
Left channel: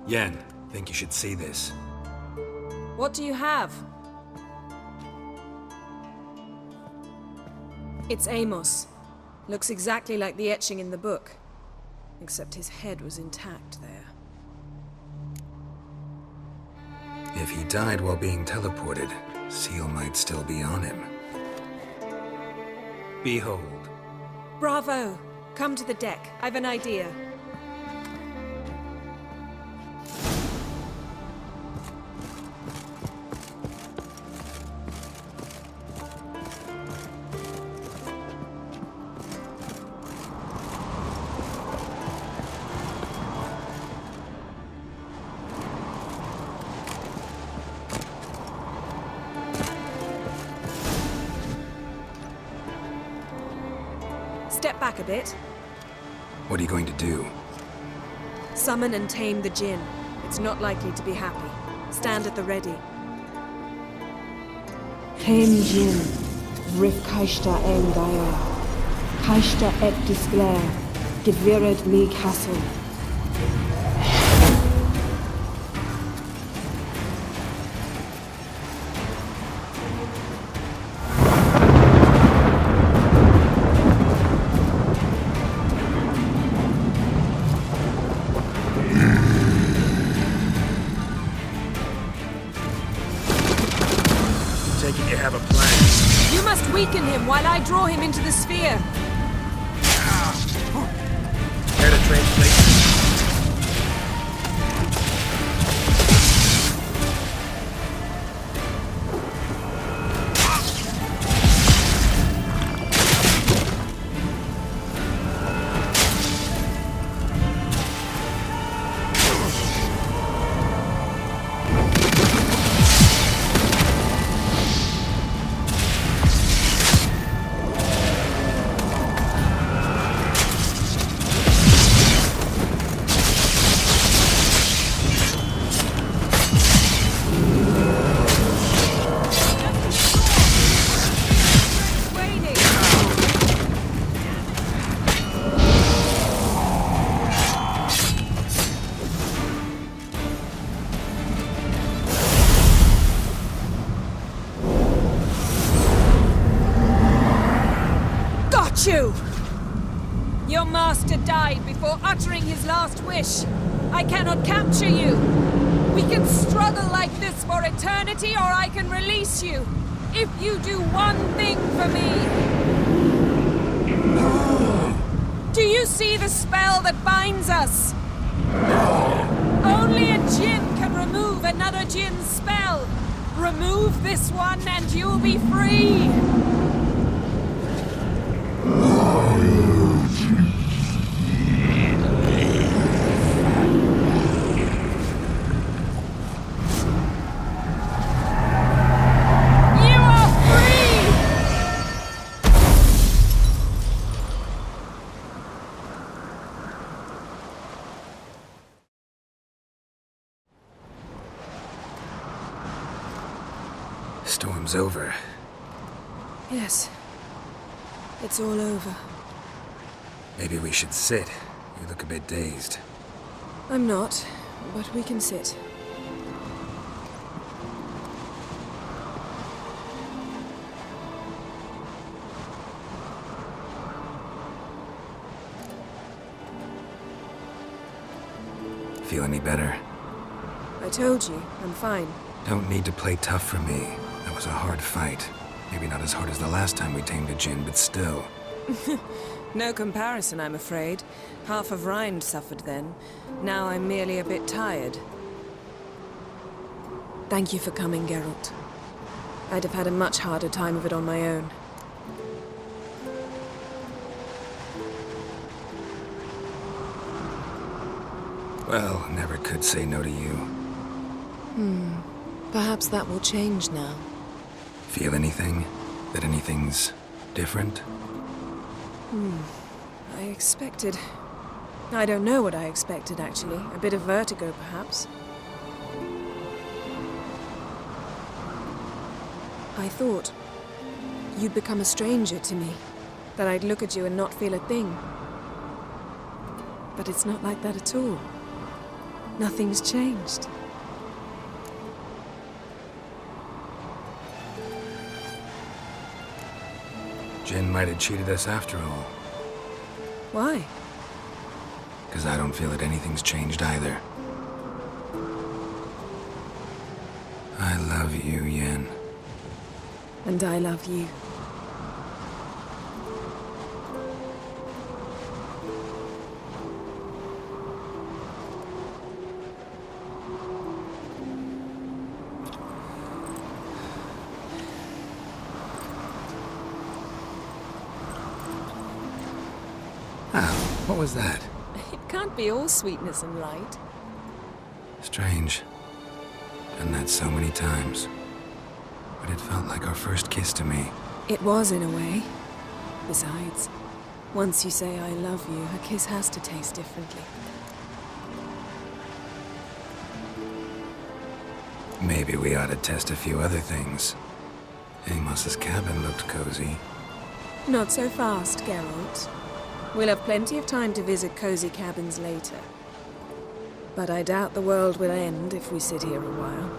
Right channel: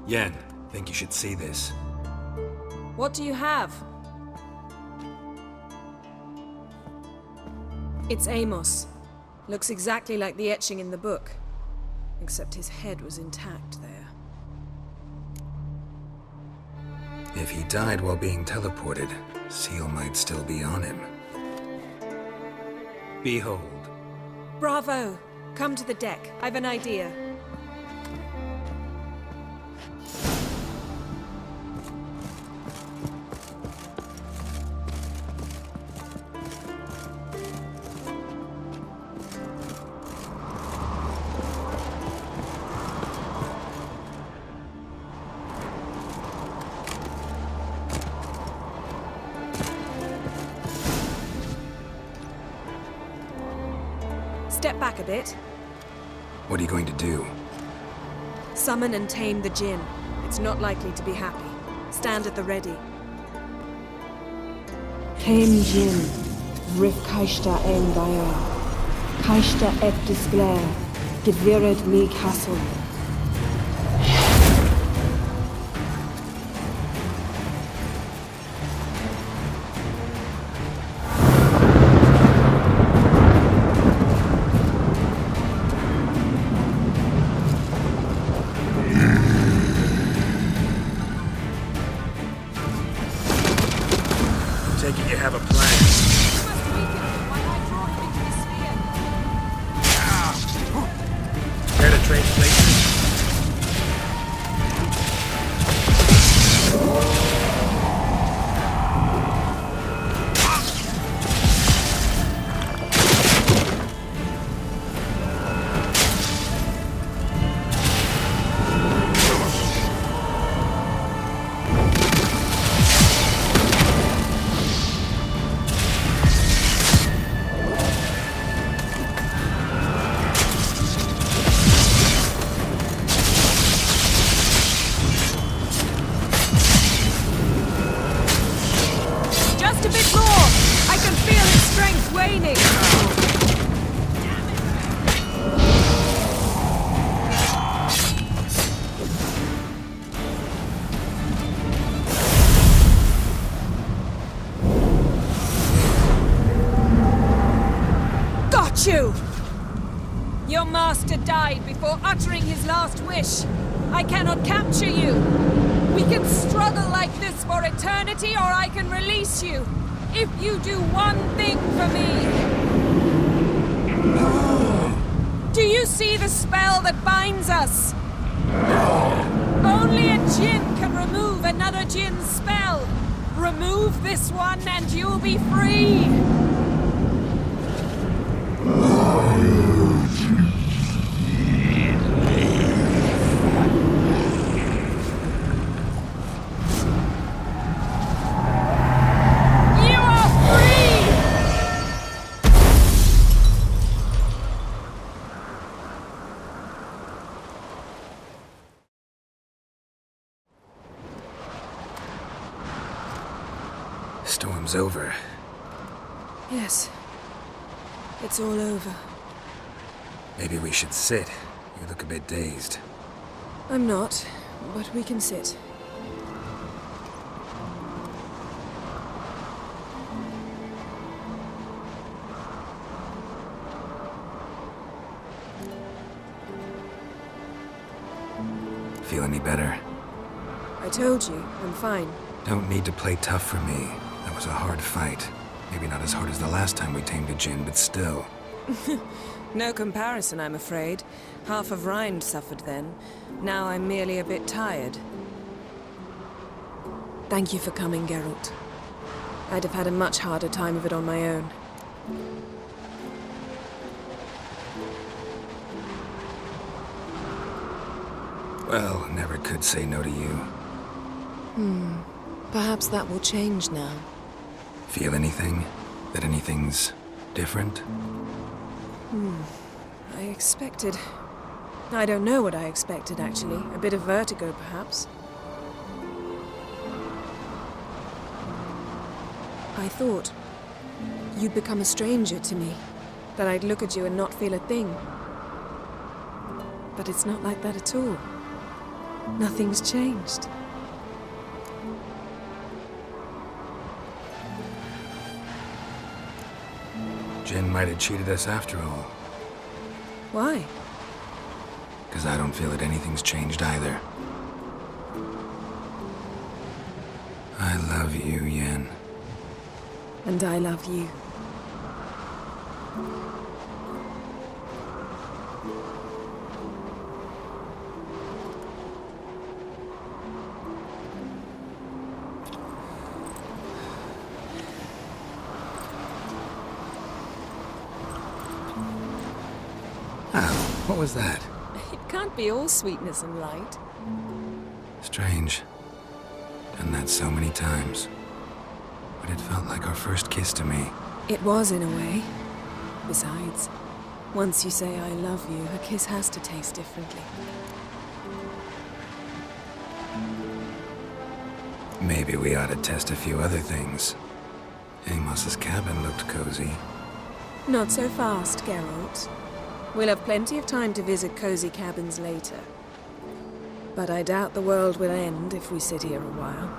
Yen, think you should see this. What do you have? It's Amos. Looks exactly like the etching in the book. Except his head was intact there. If he died while being teleported, Seal might still be on him. Behold. Bravo! Come to the deck. I've an idea. Step back a bit. What are you going to do? Summon and tame the Jinn. It's not likely to be happy. Stand at the ready. Tame Jinn, Rif Kaishta en Gaia, Kaishta et Disglair, Gevired mi Castle. You have a plan. You must weaken him while I draw him into the sphere. Care to trade places? Your master died before uttering his last wish. I cannot capture you. We can struggle like this for eternity, or I can release you. If you do one thing for me. Do you see the spell that binds us? Only a Jinn can remove another Jinn's spell. Remove this one and you'll be free. Storm's over. Yes. It's all over. Maybe we should sit. You look a bit dazed. I'm not, but we can sit. Feel any better? I told you, I'm fine. Don't need to play tough for me. That was a hard fight. Maybe not as hard as the last time we tamed a djinn, but still. No comparison, I'm afraid. Half of Rind suffered then. Now I'm merely a bit tired. Thank you for coming, Geralt. I'd have had a much harder time of it on my own. Well, never could say no to you. Perhaps that will change now. Feel anything? That anything's different? I expected... I don't know what I expected, actually. A bit of vertigo, perhaps. I thought you'd become a stranger to me. That I'd look at you and not feel a thing. But it's not like that at all. Nothing's changed. Jinn might have cheated us after all. Why? Because I don't feel that anything's changed either. I love you, Yen. And I love you. What was that? It can't be all sweetness and light. Strange. Done that so many times. But it felt like our first kiss to me. It was, in a way. Besides, once you say I love you, a kiss has to taste differently. Maybe we ought to test a few other things. Amos's cabin looked cozy. Not so fast, Geralt. We'll have plenty of time to visit cozy cabins later. But I doubt the world will end if we sit here a while.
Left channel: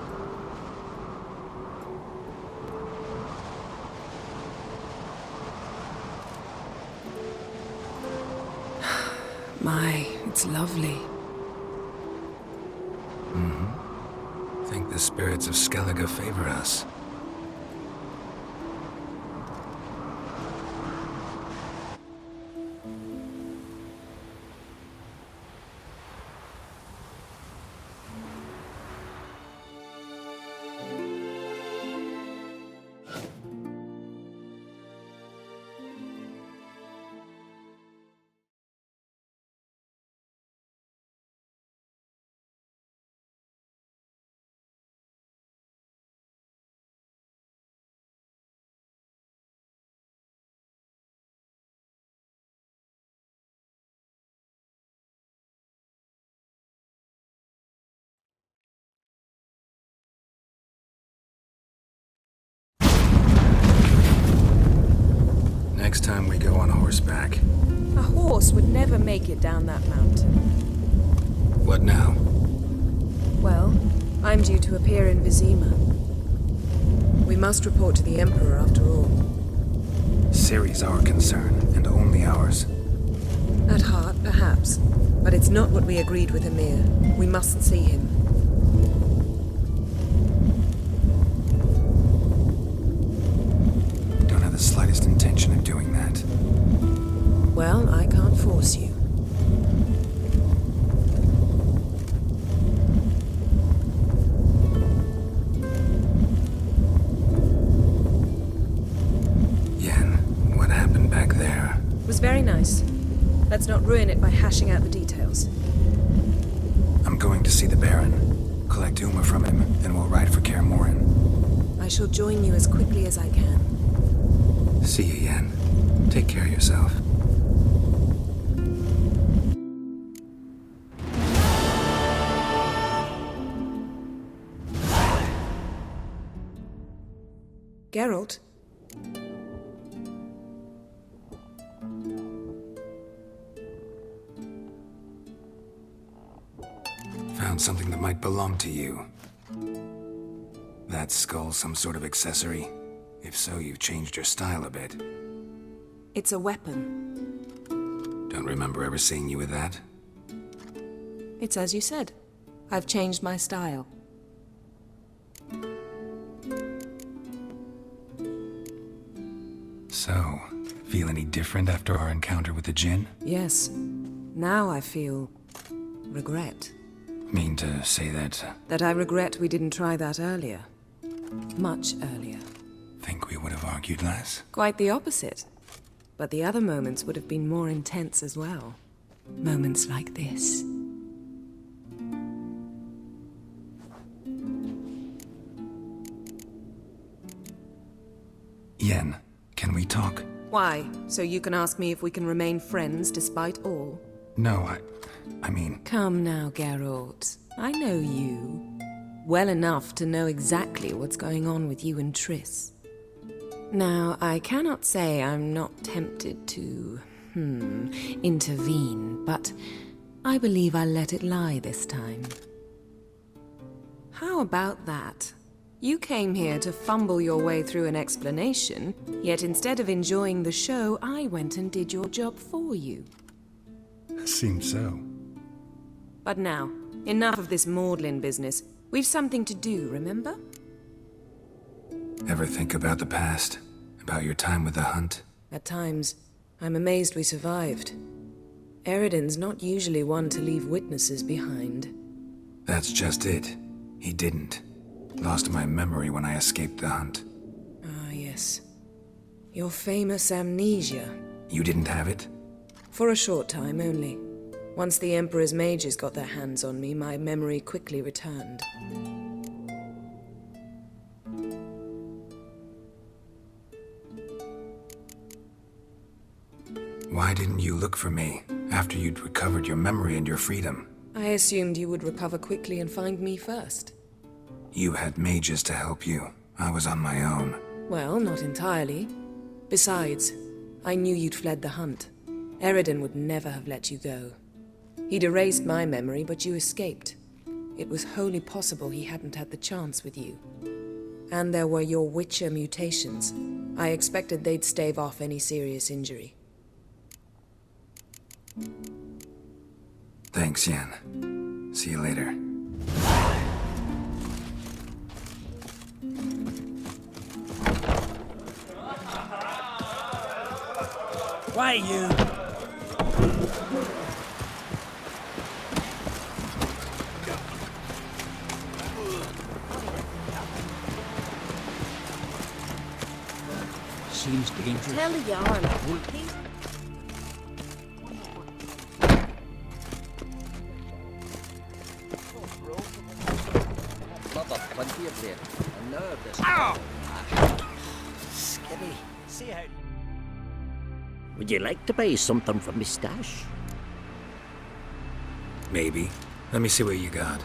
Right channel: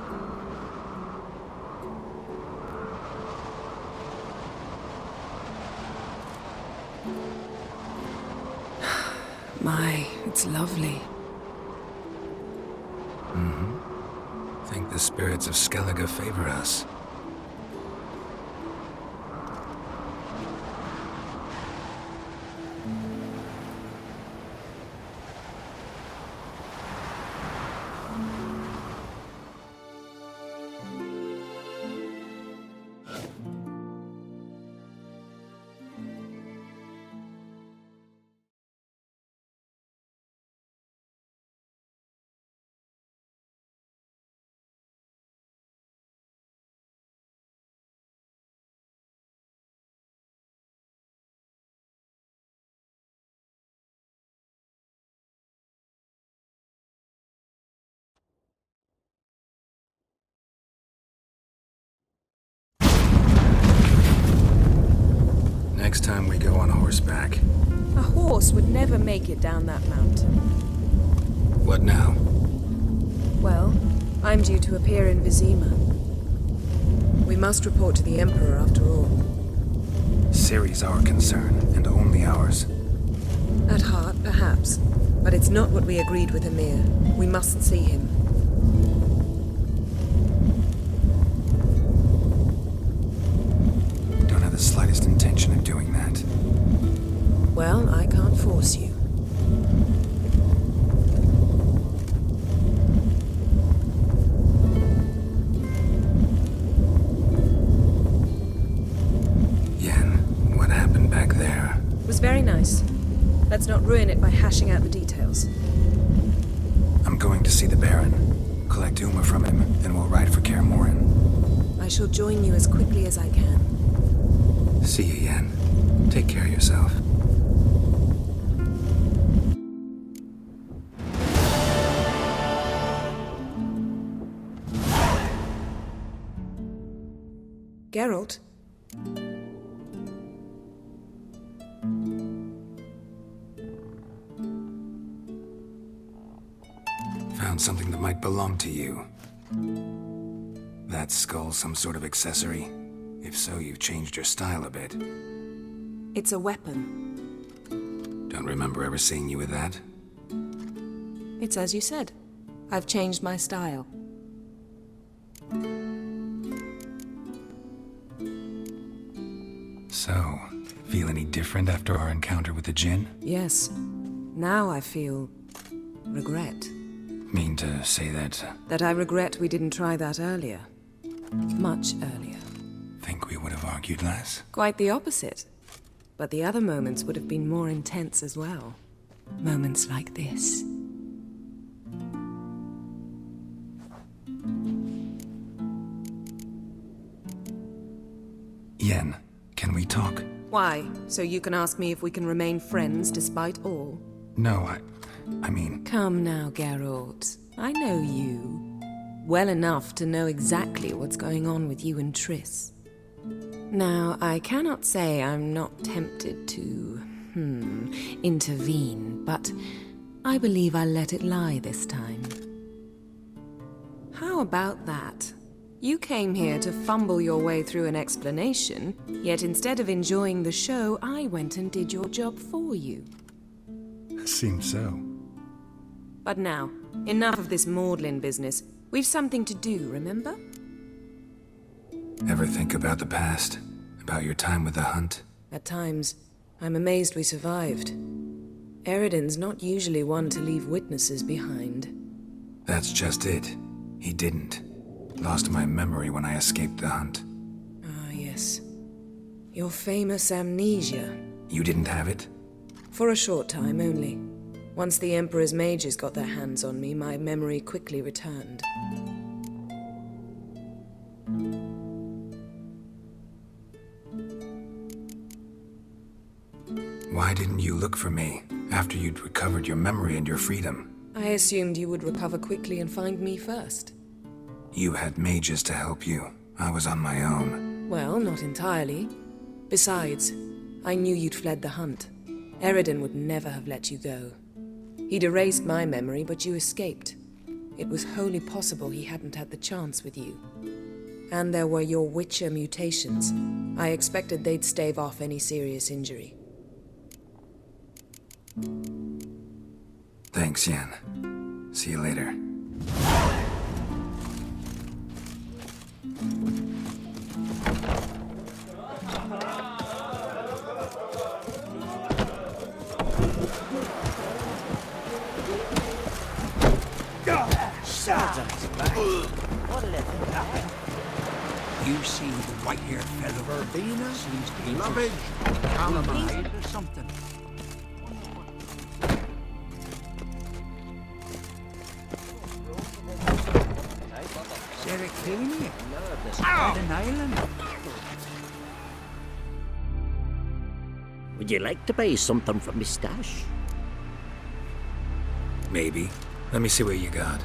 My, it's lovely. Think the spirits of Skellige favor us. Next time we go on horseback. A horse would never make it down that mountain. What now? Well, I'm due to appear in Vizima. We must report to the Emperor after all. Ciri's our concern, and only ours. At heart, perhaps. But it's not what we agreed with Emir. We must see him. Don't have the slightest intention of doing that. Well, I can't force you. Yen, what happened back there? It was very nice. Let's not ruin it by hashing out the details. I'm going to see the Baron. Collect Uma from him, then we'll ride for Kaer Morhen. I shall join you as quickly as I can. See you, Yen. Take care of yourself. Found something that might belong to you. That skull some sort of accessory? If so, you've changed your style a bit. It's a weapon. Don't remember ever seeing you with that. It's as you said. I've changed my style. So, feel any different after our encounter with the Jinn? Yes. Now I feel regret. Mean to say that? That I regret we didn't try that earlier. Much earlier. Think we would have argued less? Quite the opposite. But the other moments would have been more intense as well. Moments like this. Yen, can we talk? Why? So you can ask me if we can remain friends despite all? No, I mean... Come now, Geralt. I know you. Well enough to know exactly what's going on with you and Triss. Now, I cannot say I'm not tempted to, intervene, but I believe I'll let it lie this time. How about that? You came here to fumble your way through an explanation, yet instead of enjoying the show, I went and did your job for you. Seems so. But now, enough of this maudlin business. We've something to do, remember? Ever think about the past? About your time with the Hunt? At times, I'm amazed we survived. Eridan's not usually one to leave witnesses behind. That's just it. He didn't. Lost my memory when I escaped the Hunt. Ah, yes. Your famous amnesia. You didn't have it? For a short time only. Once the Emperor's mages got their hands on me, my memory quickly returned. Why didn't you look for me after you'd recovered your memory and your freedom? I assumed you would recover quickly and find me first. You had mages to help you. I was on my own. Well, not entirely. Besides, I knew you'd fled the Hunt. Eridan would never have let you go. He'd erased my memory, but you escaped. It was wholly possible he hadn't had the chance with you. And there were your Witcher mutations. I expected they'd stave off any serious injury. Thanks, Yen. See you later. Why, you? What did I think happened? You seem white-haired feather. Seems dangerous. Something. Would you like to buy something from me stash? Maybe. Let me see what you got.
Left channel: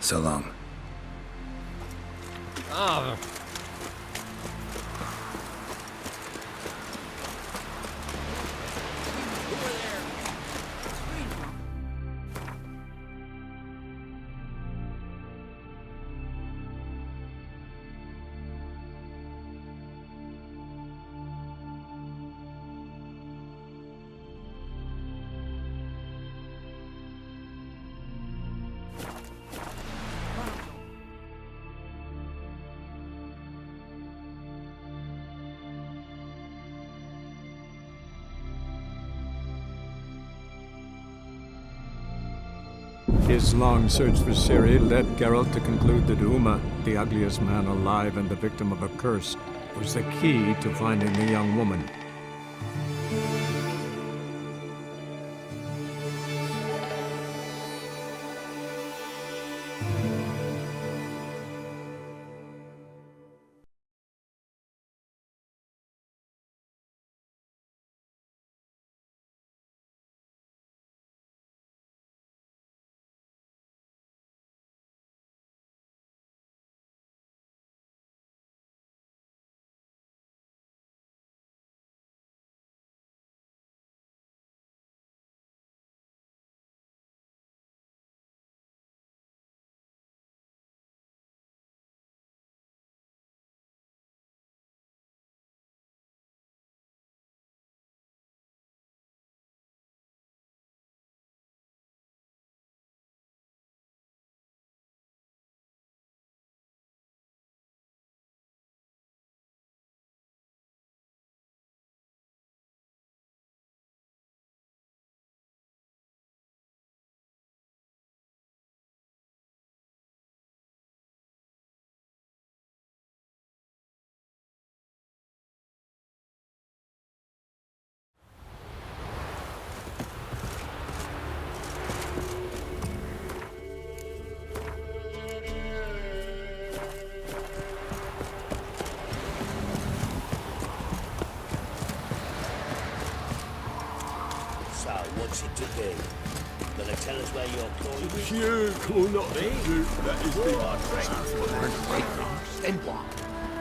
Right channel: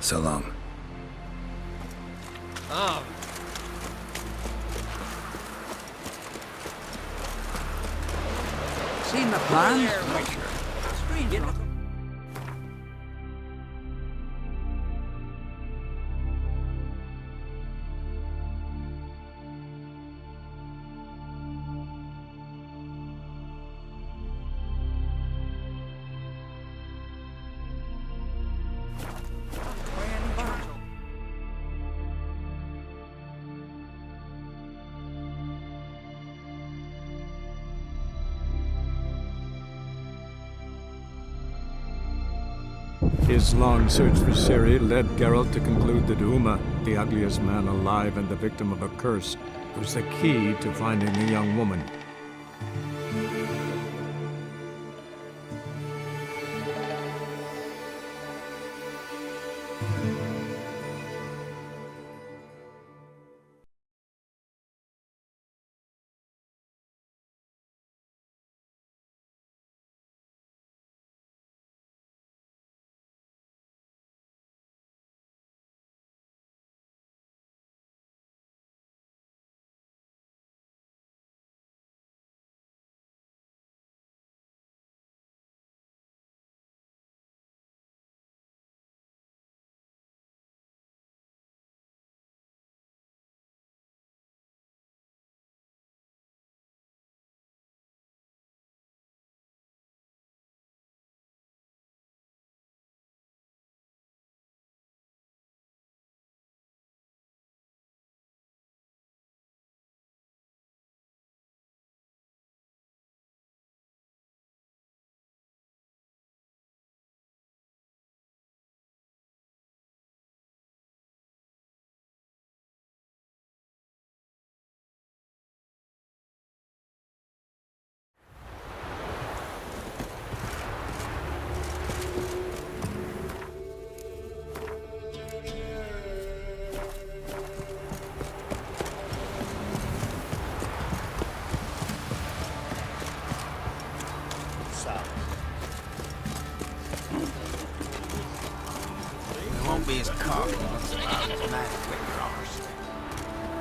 So long. Ah. Seen the plan? Strange enough. His long search for Ciri led Geralt to conclude that Uma, the ugliest man alive and the victim of a curse, was the key to finding the young woman.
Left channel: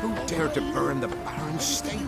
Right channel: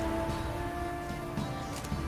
Who dared to burn the Baron's stable?